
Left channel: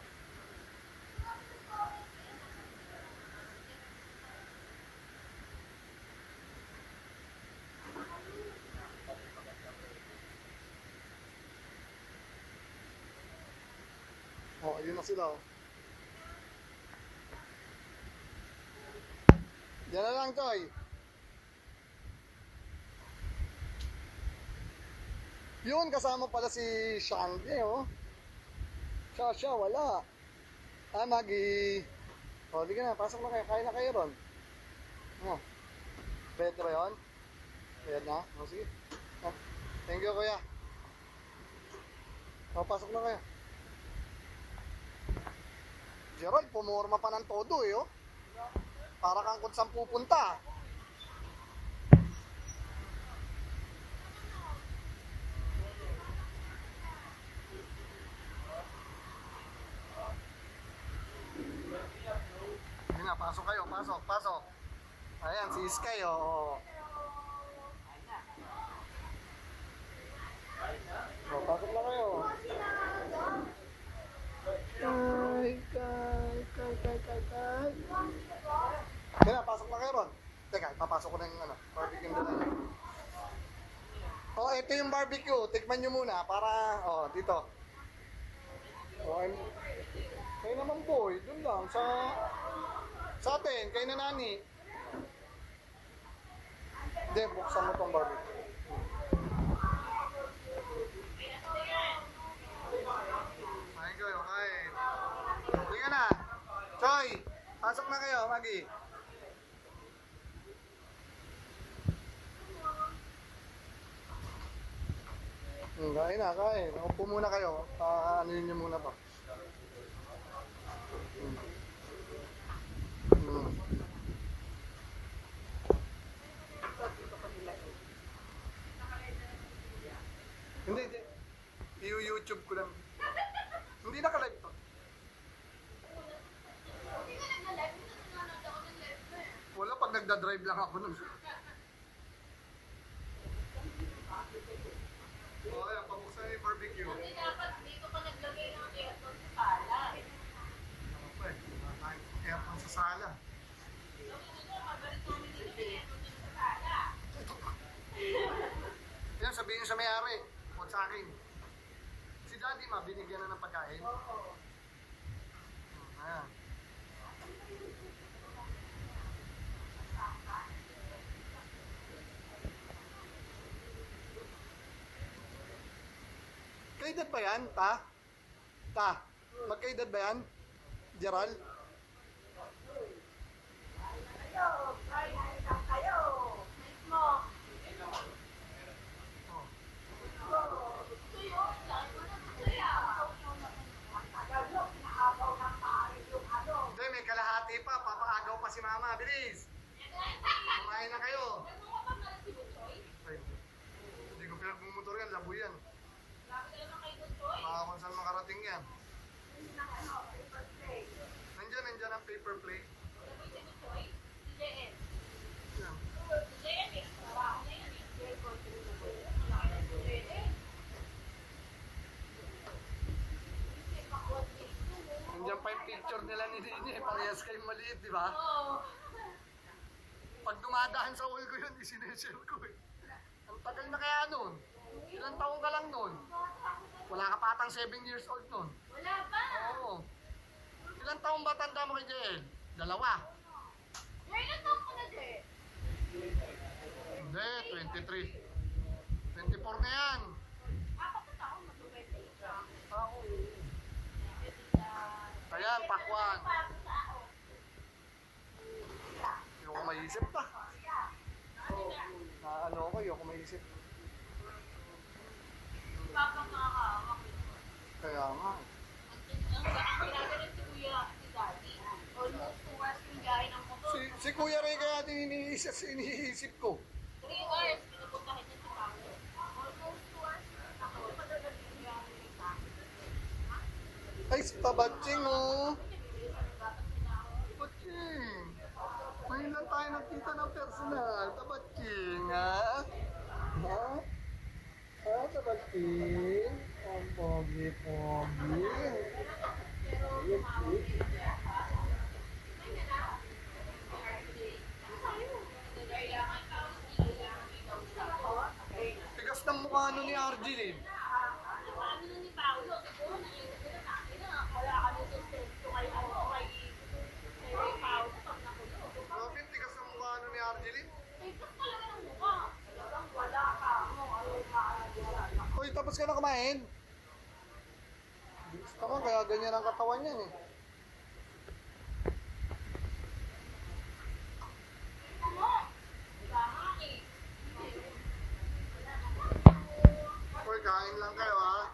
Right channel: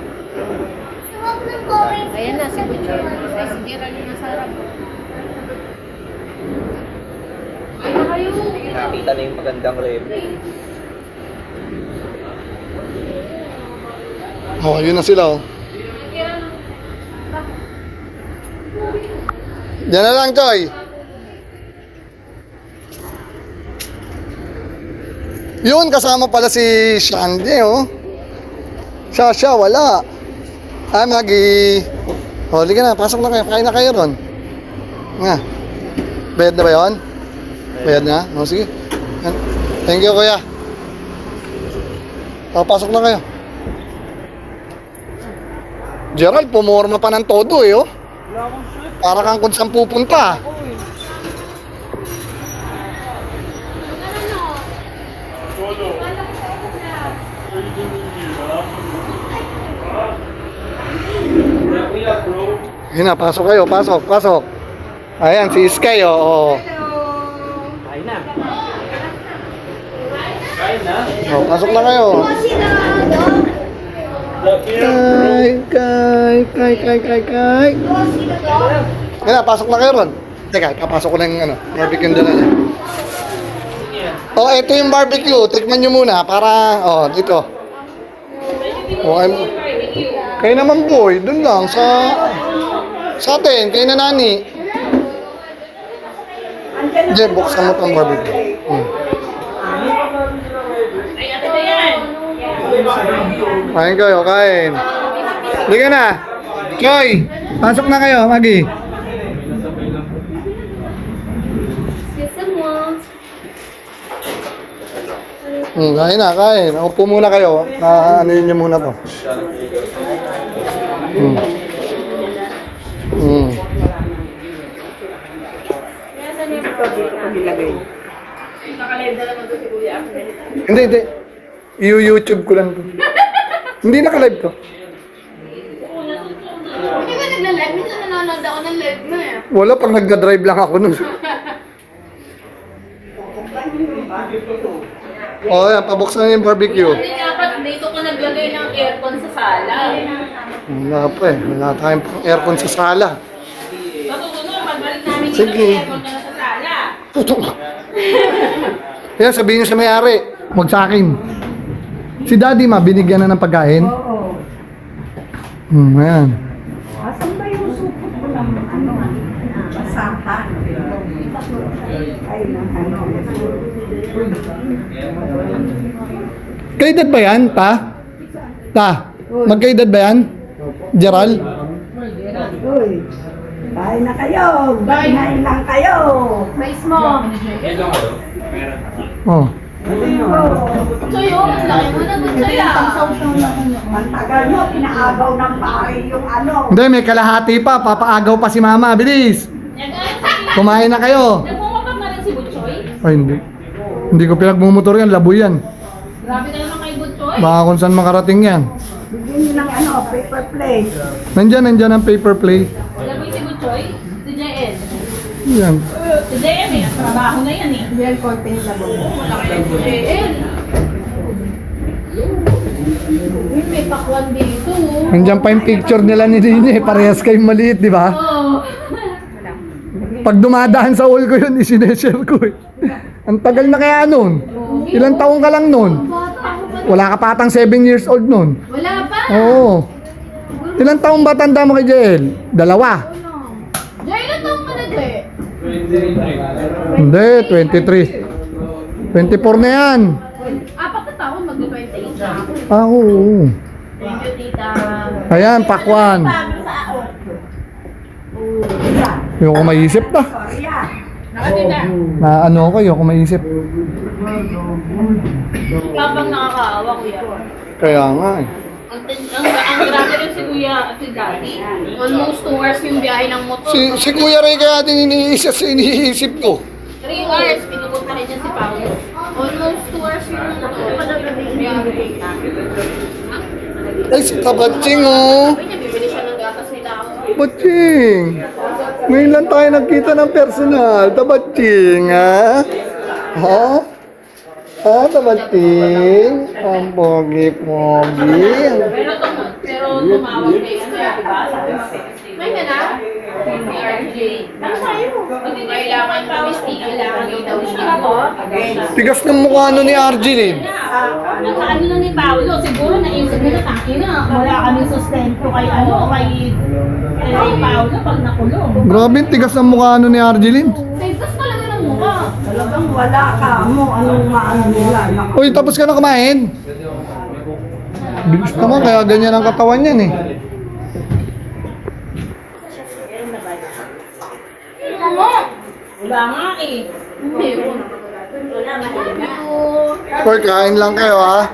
Ayan na, si Butcher. Si Gerald yung nasa harap. Ay na kayo. nakita na yung magandang rep. Oh, yun na sila oh. Diyan na lang, Choy. Yun, kasama pala si Shandy, oh. Siya, wala. Ah, Maggie. Oh, liga na, pasok na kayo. Kain na kayo ron. Nga. Bayad na ba yun? Bayad na? Oh, sige. Thank you, kuya. Oh, pasok na kayo. Gerald, pumorma pa ng todo, eh, oh. Para kang kung saan pupunta. Yun na, pasok kayo, pasok. Ayan, si Sky, oh. Kain na. Oh, pasok na kayo. Kay. Yan na, pasok na kayo ron. Teka, papasok ko na yung barbecue dala niya. Oh, ito yung barbecue. Tikman nyo muna para, dito. Oh, kayo naman boy, dun lang sa atin, kayo na nani. Diyan, buksan mo tong barbecue. Ay, ate ba yan? Kain kayo, kain. Liga na. Chloe, pasok na kayo, Maggie. Kain na, kain. Upo muna kayo. Ano yun niyo muna to. Hindi, hindi. I-YouTube ko lang to. Hindi naka-live to. Hindi ba nagla-live? Minsan nanonood ako ng live mo eh. Wala, pag nagda-drive lang ako nun. Oh, yan, pabuksan na yung barbecue. Hindi dapat dito ka naglagay ng aircon sa sala. Wala pa eh. Wala tayong aircon sa sala. Matutunan, pagbalik namin dito, Sige. may aircon ka na sa sala. Putok! Kaya sabihin niyo sa may-ari, huwag sa akin. Si Daddy ma, binigyan na ng pagkain? Oo. Ayan. Asan ba yung supot ko ng basahan? Ay, ng Kaedad ba yan, ta? Ta? Magkaedad ba yan? Gerald? Uy, kain na kayo. Kain lang kayo. Mais mo. Oh. Sa'yo, ang laki mo na dun sa'yo. Mantagal mo, pinaagaw ng pare yung ano. Hindi, may kalahati pa. Papaagaw pa si Mama. Bilis! Kumain na kayo. Nagmumapag na rin si Butchoy. Ay, hindi. Hindi ko pinagmumotor yan. Laboy yan. Grabe na naman kay Butchoy. Baka kung saan makarating yan. Bigyan nyo ng ano, paper plate. Nandyan ang paper plate. Laboy si Butchoy. Si JL. Yan. Si JL eh. Trabaho na yan eh. Yan, konting labo. Si JL. Uy, may pakwan dito. Nandyan pa yung picture nila ni Dini. Parehas kayong maliit, di ba? Oo. Pag dumadaan sa wall ko yun, isineshare ko eh. Ang tagal na kaya nun. Ilang taong ka lang nun? Wala ka patang 7 years old nun. Wala pa. Oo. Ilang taong ba tanda mo kay Jael? 2. Jay, ilan taong ka na, Jay? Hindi, 23. 24 na yan. 4 na taon, mag-28 na ako. Ah, oo. Thank you, tita. Ayan, pakwan. Yung ko maisip na. Nakatita. Na ano ako, yung ko maisip. Kapag nakakaawa, kuya. Kaya nga eh. Ang grabe rin si kuya at si daddy. Almost 2 hours yung biyahe ng motor. Si Kuya Ray kaya din iniisip ko. 3 hours, pinupuntahin niya si Paolo. Almost 2 hours yung motor. Ay, si Tabatsing oh. Sabi niya, bibili siya ng gatas ni Tao. Tabatsing. Ngayon lang tayo nagkita ng personal. Tabatsing ha? Ha? Ha, Tabatsing? Ang pogi-pogi. Pero tumawag kay ano, diba? Sabi mo, may na na? Si RJ. Ano sa'yo? Hindi kailangan pamistig, kailangan daw siya. Tigas ng mukha ni Arjeline. Nakaano na ni Paolo, siguro naisip nila, taki na, wala kaming sustento kay kay Paolo pag nakulong. Grabe, tigas ng mukha ni Arjeline. Tigas talaga ng mukha. Talagang wala ka mo. Anong maano nila? Uy, tapos ka na kumain? Bilis naman, kaya ganyan ang katawan yan eh. Wala nga eh. Meron. Or kain lang kayo ha.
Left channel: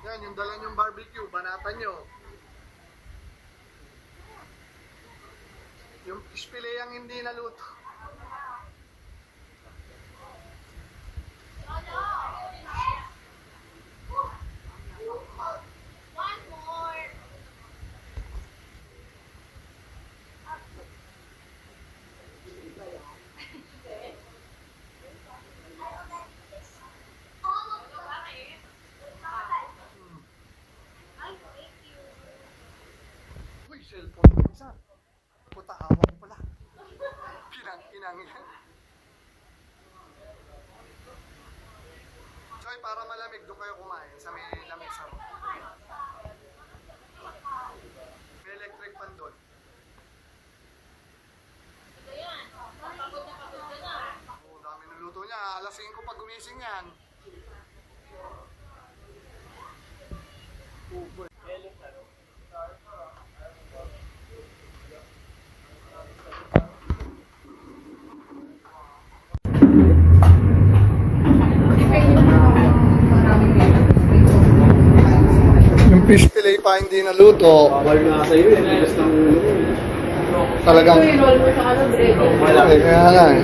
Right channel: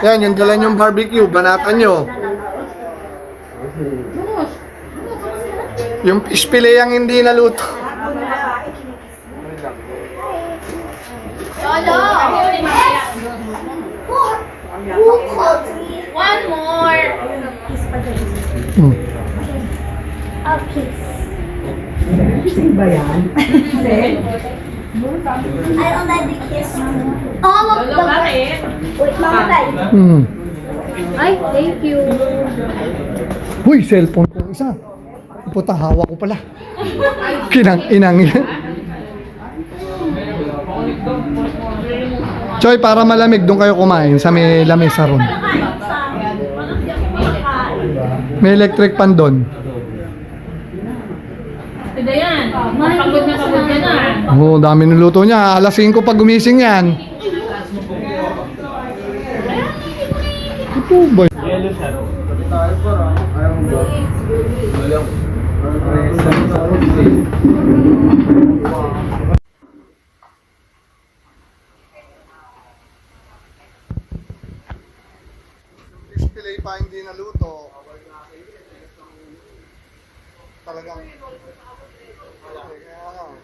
Yan, yung dala yung barbecue, banatan nyo. Yung fish fillet ang hindi naluto. Lolo! One more! Hmm. Kising ba yan? I already kissed all of Lolo, the... bakit? Wait, Mama Tay. Hmm. Ay, thank you. Uy, cellphone ko isa. Puta, hawak ko pala. Kinang-inang yan. Choy, para malamig, doon kayo kumain sa may lamesa ron. May electric pan doon. Ito yan. Pagod ka na. Oo, dami niluto niya. Alas 5 pag gumising yan. Ito ba? Yung fish fillet pa hindi naluto. Talagang kaya nga eh.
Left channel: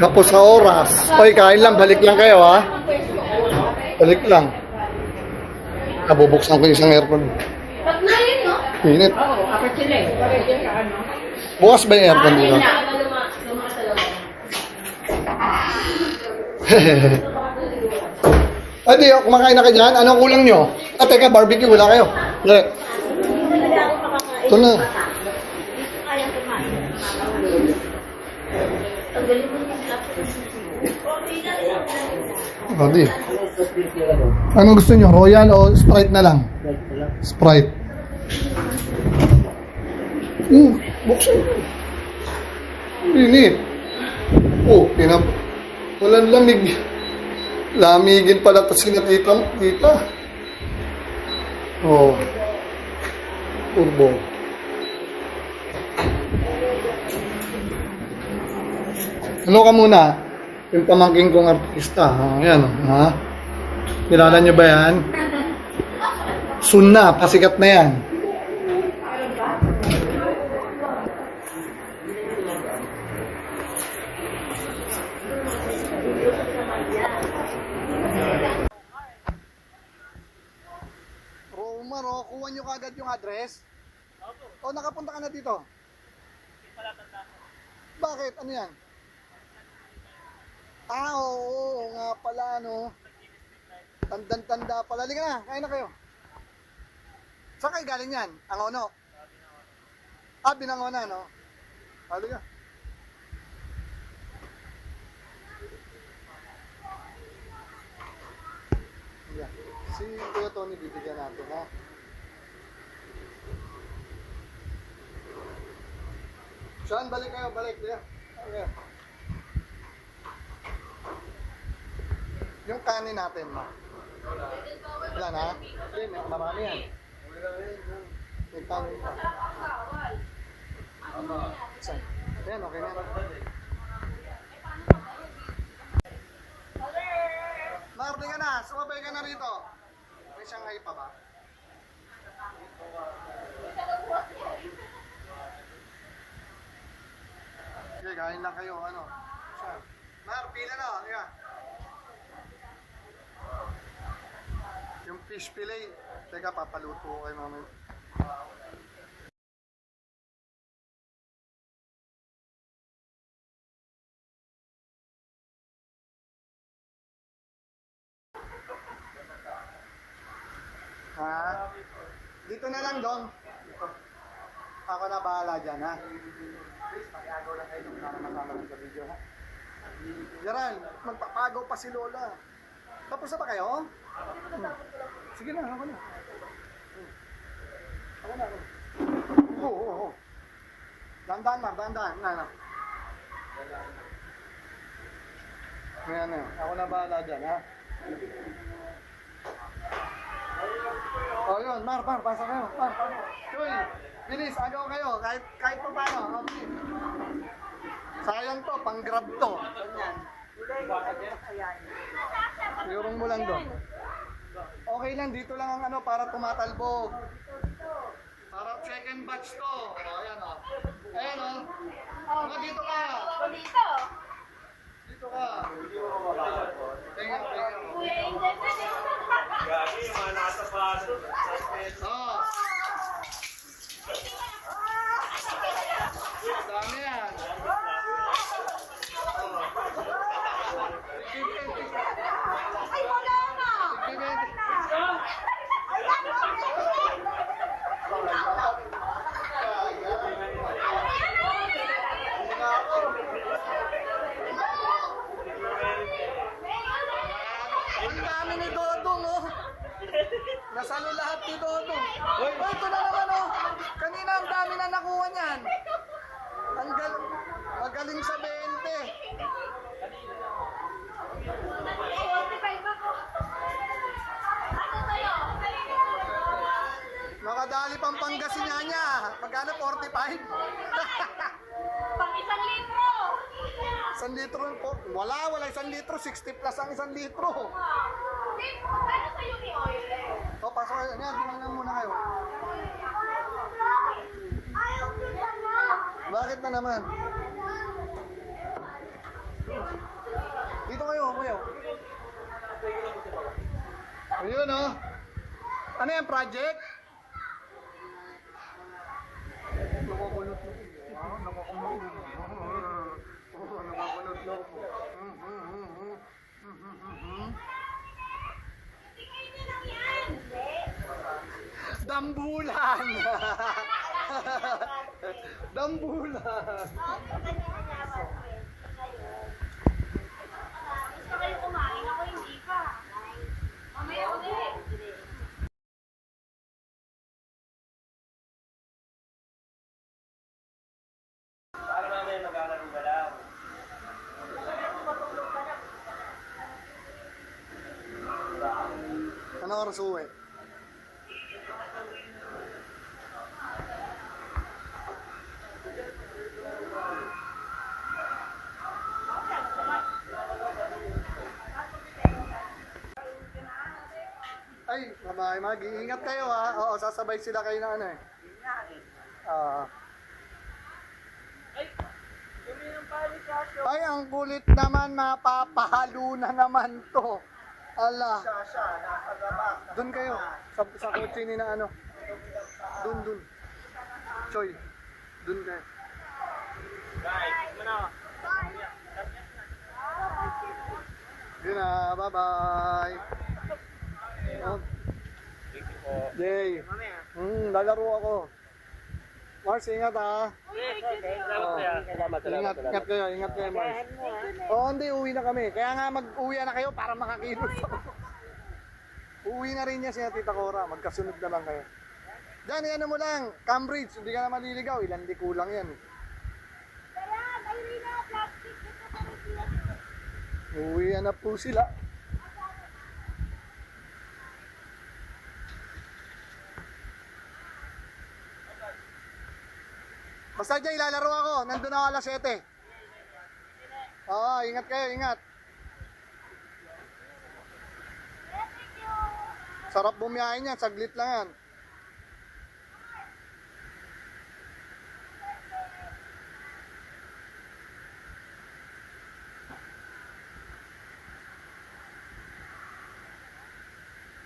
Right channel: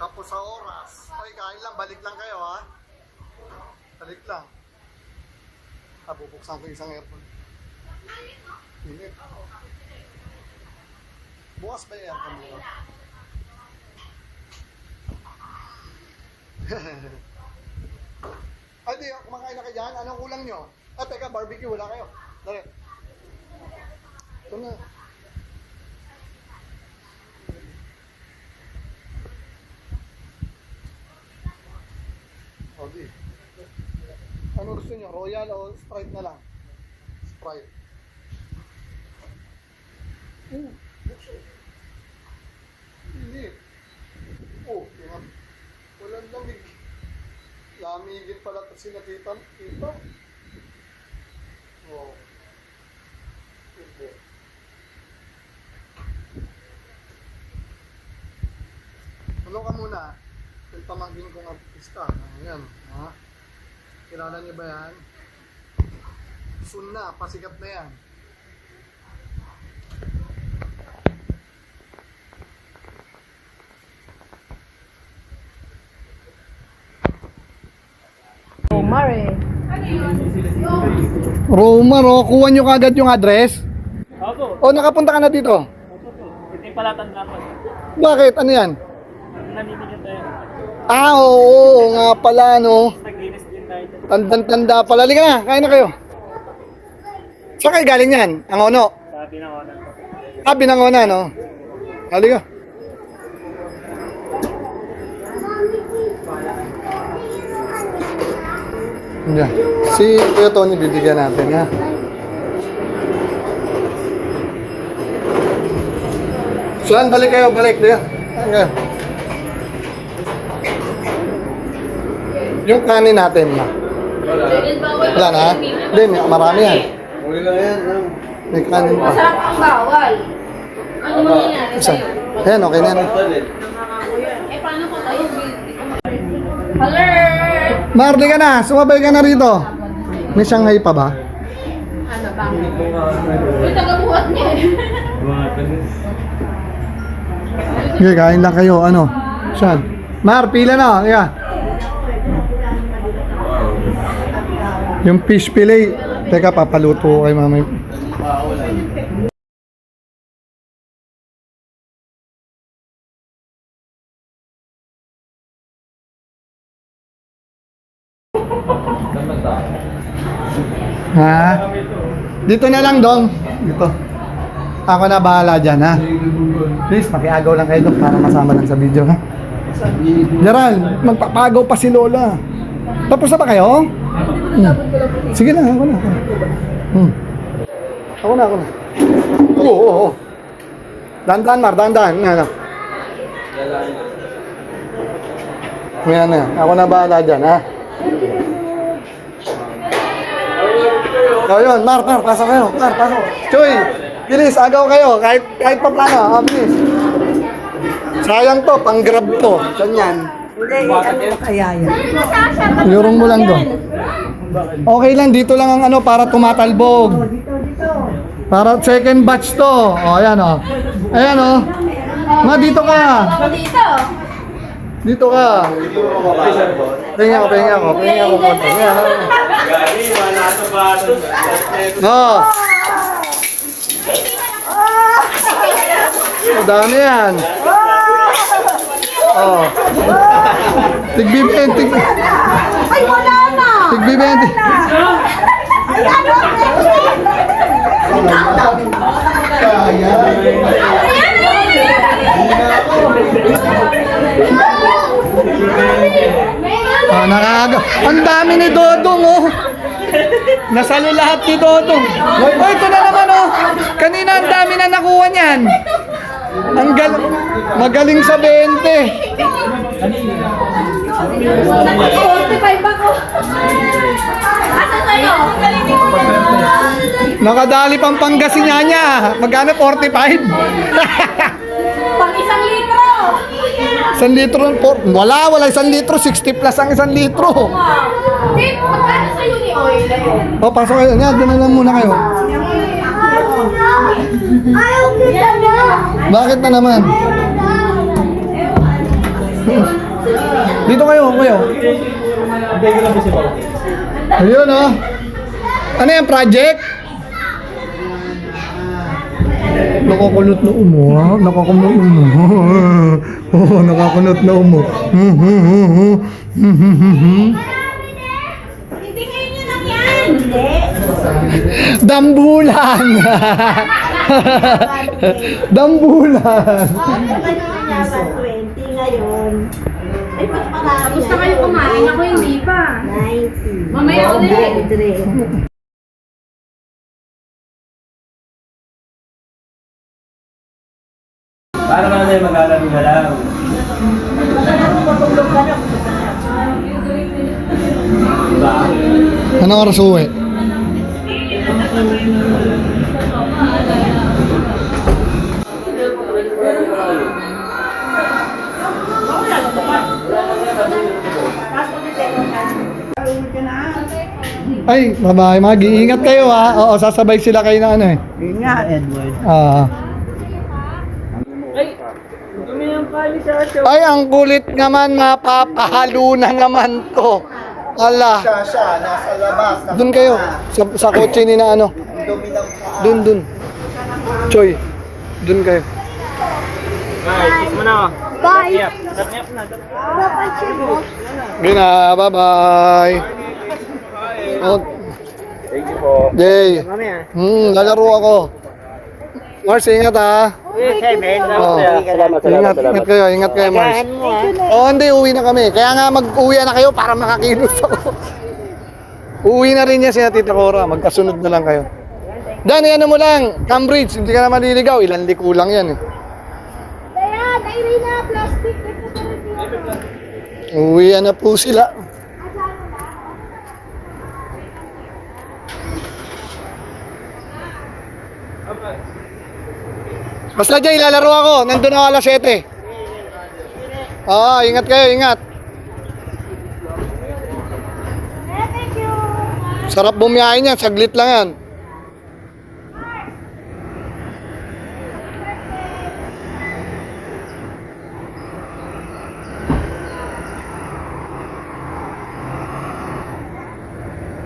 Kapos sa oras. Oy, kain lang, balik lang kayo ha. Balik lang. Nabubuksan ko yung isang aircon. Init. Bukas ba yung aircon dito? Ay, di, kumakain na kayo dyan. Anong kulang nyo? Ah, teka, barbecue, wala kayo. Hindi. Ito na. Oh, di. Anong gusto nyo? Royal o Sprite na lang? Sprite. Buksan. Init. Walang lamig. Lamigin pala ito sinakita. Oh. Turbo. Ano ka muna? Yung pamangking kong artista. Ayan, ha? Kilala niyo ba yan? Soon na, pasikat na yan. Romar, oh, kuha nyo kagad yung address? Opo. O, nakapunta ka na dito? Hindi pala tanda pa. Bakit? Ano yan? Namimigyan tayo. Ah, oo nga pala, no? Naglinis din tayo. Tandang-tanda pala. Halika na, kain na kayo. Saan kayo galing yan? Ang ono? Sabi na ako ng Ah, Binangona, no? Halika. Yan. Si Kuya Tony bibigyan natin, ha? Saan? Balik kayo, balik. Diyan. Hanggang. Yung kanin natin, ma. Wala na? Hindi, marami yan. May kanin pa. Masarap ang bawal. Ano mangyayari Isa. sa'yo? Ayan, okay na yan. Eh, paano ka tayo? Alert! Marli ka na, sumabay ka na rito. May Shanghai pa ba? Ano ba? Uy, tagabuhat niya eh. Okay, kain lang kayo. Ano? Saan? Mar, pila na. Yeah. Yung fish fillet. Teka, papaluto ko kay mamay. Ha? Dito na lang, Dong. Dito. Ako na bahala dyan, ha? Please, makiagaw lang kayo doon para masama lang sa video, ha? Gerald, magpapagaw pa si Lola. Tapos na ba kayo? Sige na, ako na. Ako na. Oo. Dandan, Mar, dandan. Ano? Yan na. Ako na bahala dyan, ha? O yun, Mar, pasok kayo. Mar, pasok. Choy, bilis, agaw kayo. Kahit pa plano, bilis. Sayang to, pang-grab to. Saan yan? Lurong mo lang doon. Okay lang, dito lang ang ano para tumatalbog. Para second batch to. O, ayan o. Ayan o. Ma, dito ka. Dito. Dito ka. Pahinga ako. No. Madami yan. Oh. Tig-bibente. Ay, wala na! Tig-bibente. Ay, ano? Nakaga. Ang dami ni Dodong, oh. Nasalo lahat ni Dodong. Oh, ito na naman, oh. Kanina ang dami na nakuha niyan. Magaling sa 20. 45 ako. Asa sa'yo? Nakadali pang Pangasinan niya. Magkano? 45? Pang 1 litro! 1 litro. Wala 1 litro. 60 plus ang 1 litro. Dave, magkano sa'yo ni Oil? O, pasok kayo. Nga, doon na lang muna kayo. Ayaw kita na. Bakit na naman? Dito kayo, kayo. Ayun, oh. Ano yan, project? Nakakunot na umo, ha? Nakakunot na umo. Oo, nakakunot na umo. Hindi ngayon yun lang yan. Hindi. Dambulan! Dambulan! Oo, diba naman yaman 20 ngayon? Ay, mas marami. Tapos na kayo kumain, ako hindi pa. 90. Mamaya ulit. 93. Para ka na mag-alam-galang. Anong oras uwi? Ay, bye-bye. Mag-iingat kayo, ha? Oo, sasabay sila kayo na ano eh. Yun nga, Edward. Ay, ang kulit naman, mapapahalo na naman to. Ala. Siya, nasa labas. Doon kayo, sa kotse ni na ano. Doon. Choy, doon kayo. Bye. Gina, bye-bye. Oh. Thank you po. Jay. Lalaro ako. Mars, ingat ha. Ingat kayo, Mars. Hindi, uwi na kami. Kaya nga mag-uwi na kayo para makakilos ako. Uwi na rin niya si Tita Cora. Magkasunod na lang kayo. Danny, ano mo lang, Cambridge, hindi ka na maliligaw. Ilan liko lang yan eh. Kaya, dahil na plastic. Uwi na po sila. Basta dyan, ilalaro ako. Nandun ako alas 7. Oo, ingat kayo, ingat. Thank you. Sarap bumiyahin yan, saglit lang yan.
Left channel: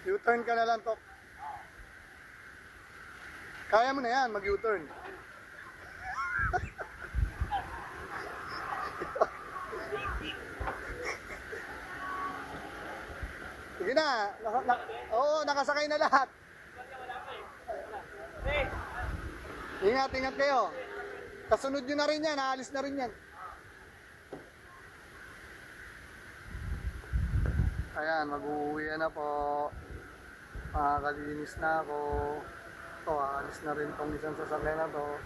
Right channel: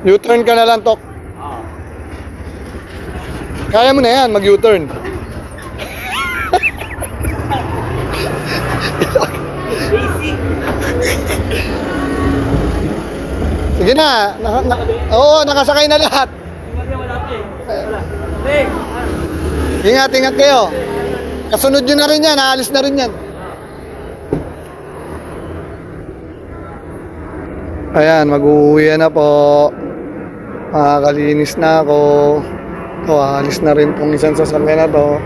U-turn ka na lang, Tok. Kaya mo na yan, mag-U-turn. Sige na. Oo, nakasakay na lahat. Ingat kayo. Kasunod nyo na rin yan, aalis na rin yan. Ayan, mag-uwi na po. Makakalinis na ako. Ito, aalis na rin tong isang sasakyan na to.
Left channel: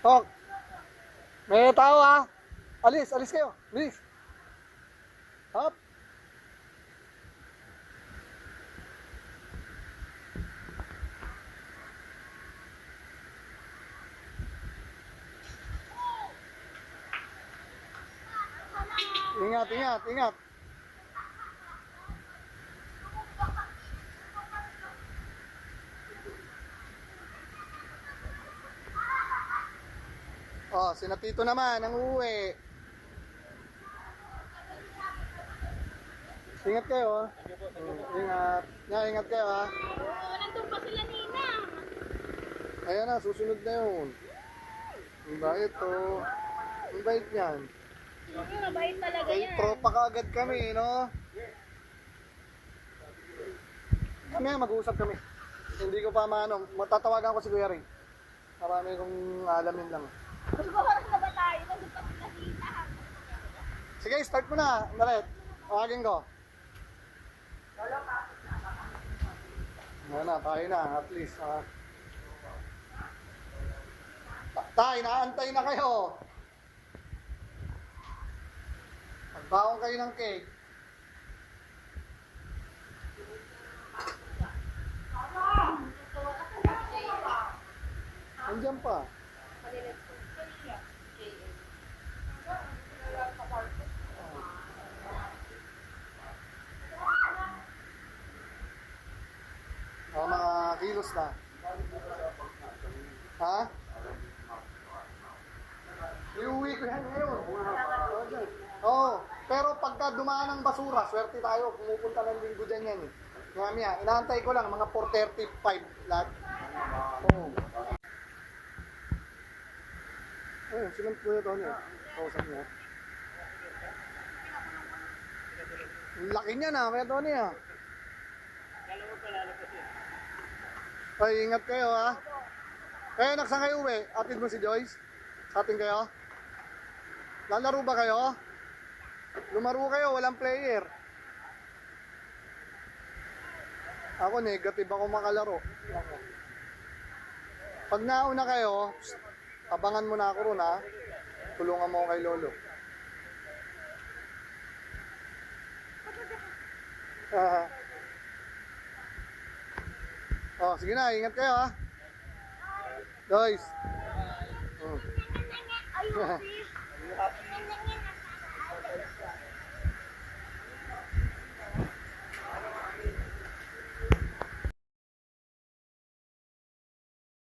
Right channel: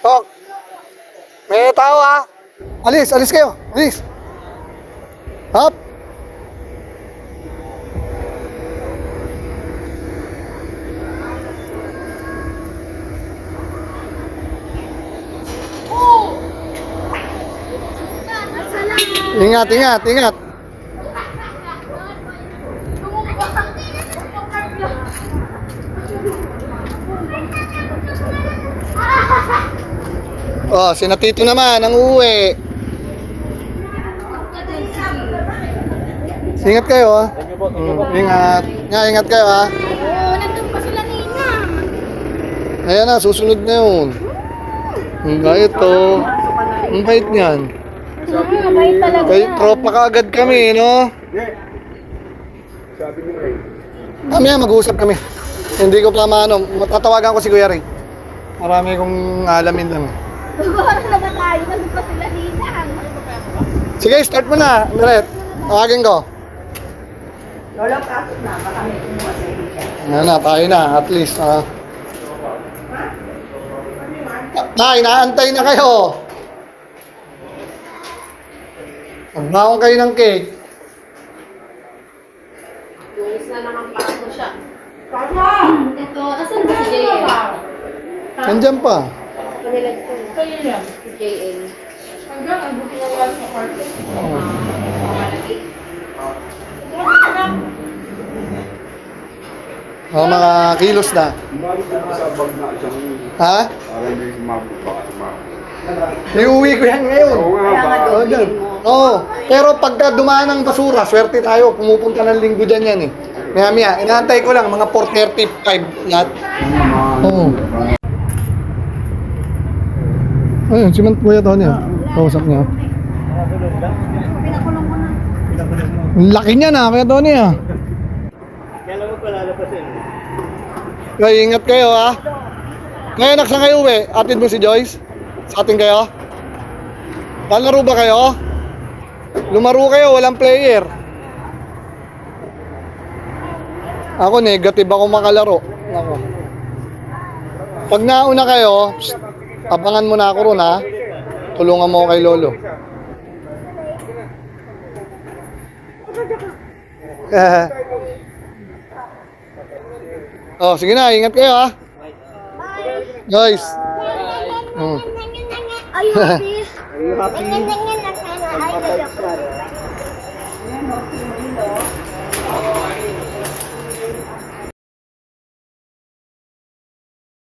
Tok, may tao ha. Alis kayo. Alis. Hop. Ingat. Oh, si Natito naman ang uuwi. Ingat kayo ha. Ingat kayo ha. Oo, nandun pa sila nina. Ayan na, susunod na yun. Ang bait to. Ang bait niyan. Mabait talaga. Kay tropa ka agad kami, no? Mamaya mag-uusap kami. Hindi ko pa maano, matatawagan ko si Kuya Ray. Marami kong alamin lang. Siguro na ba tayo? Nandun pa sila nina. Sige, start mo na, Miret. Tawagin ko. Lolo, pasok na. Baka may kumuha sa iyo. Ayan na, tayo na. At least, inaantay na kayo. Magbaon kayo ng cake. Lunes na naman pa ako siya. Ito, asan ba si JL? Nandiyan pa. Panilag ko na. Si JL. Mga kilos na. Ha? Iuwi ko yan ngayon. Oo, dyan. Oo. Pero pagka dumaan ng basura, swerte tayo. Pumupunta ng linggo dyan yan eh. Maya, inaantay ko lang, mga 4:35 lahat. Oo. Ayun, si Kuya Tony ah. Kausap niya. Ang laki niya na, Kuya Tony ah. Kailan mo palalapasin? Kaya ingat kayo ha. Ngayon nagsang kayo uwi, atid mo si Joyce? Sa atin kayo? Lalaro ba kayo? Lumaro kayo, walang player. Ako negative ako makalaro. Ako. Pag nauna kayo, abangan mo na ako ron ha. Tulungan mo ako kay Lolo. Oh, sige na, ingat kayo ha. Guys. Are you happy? Are you happy?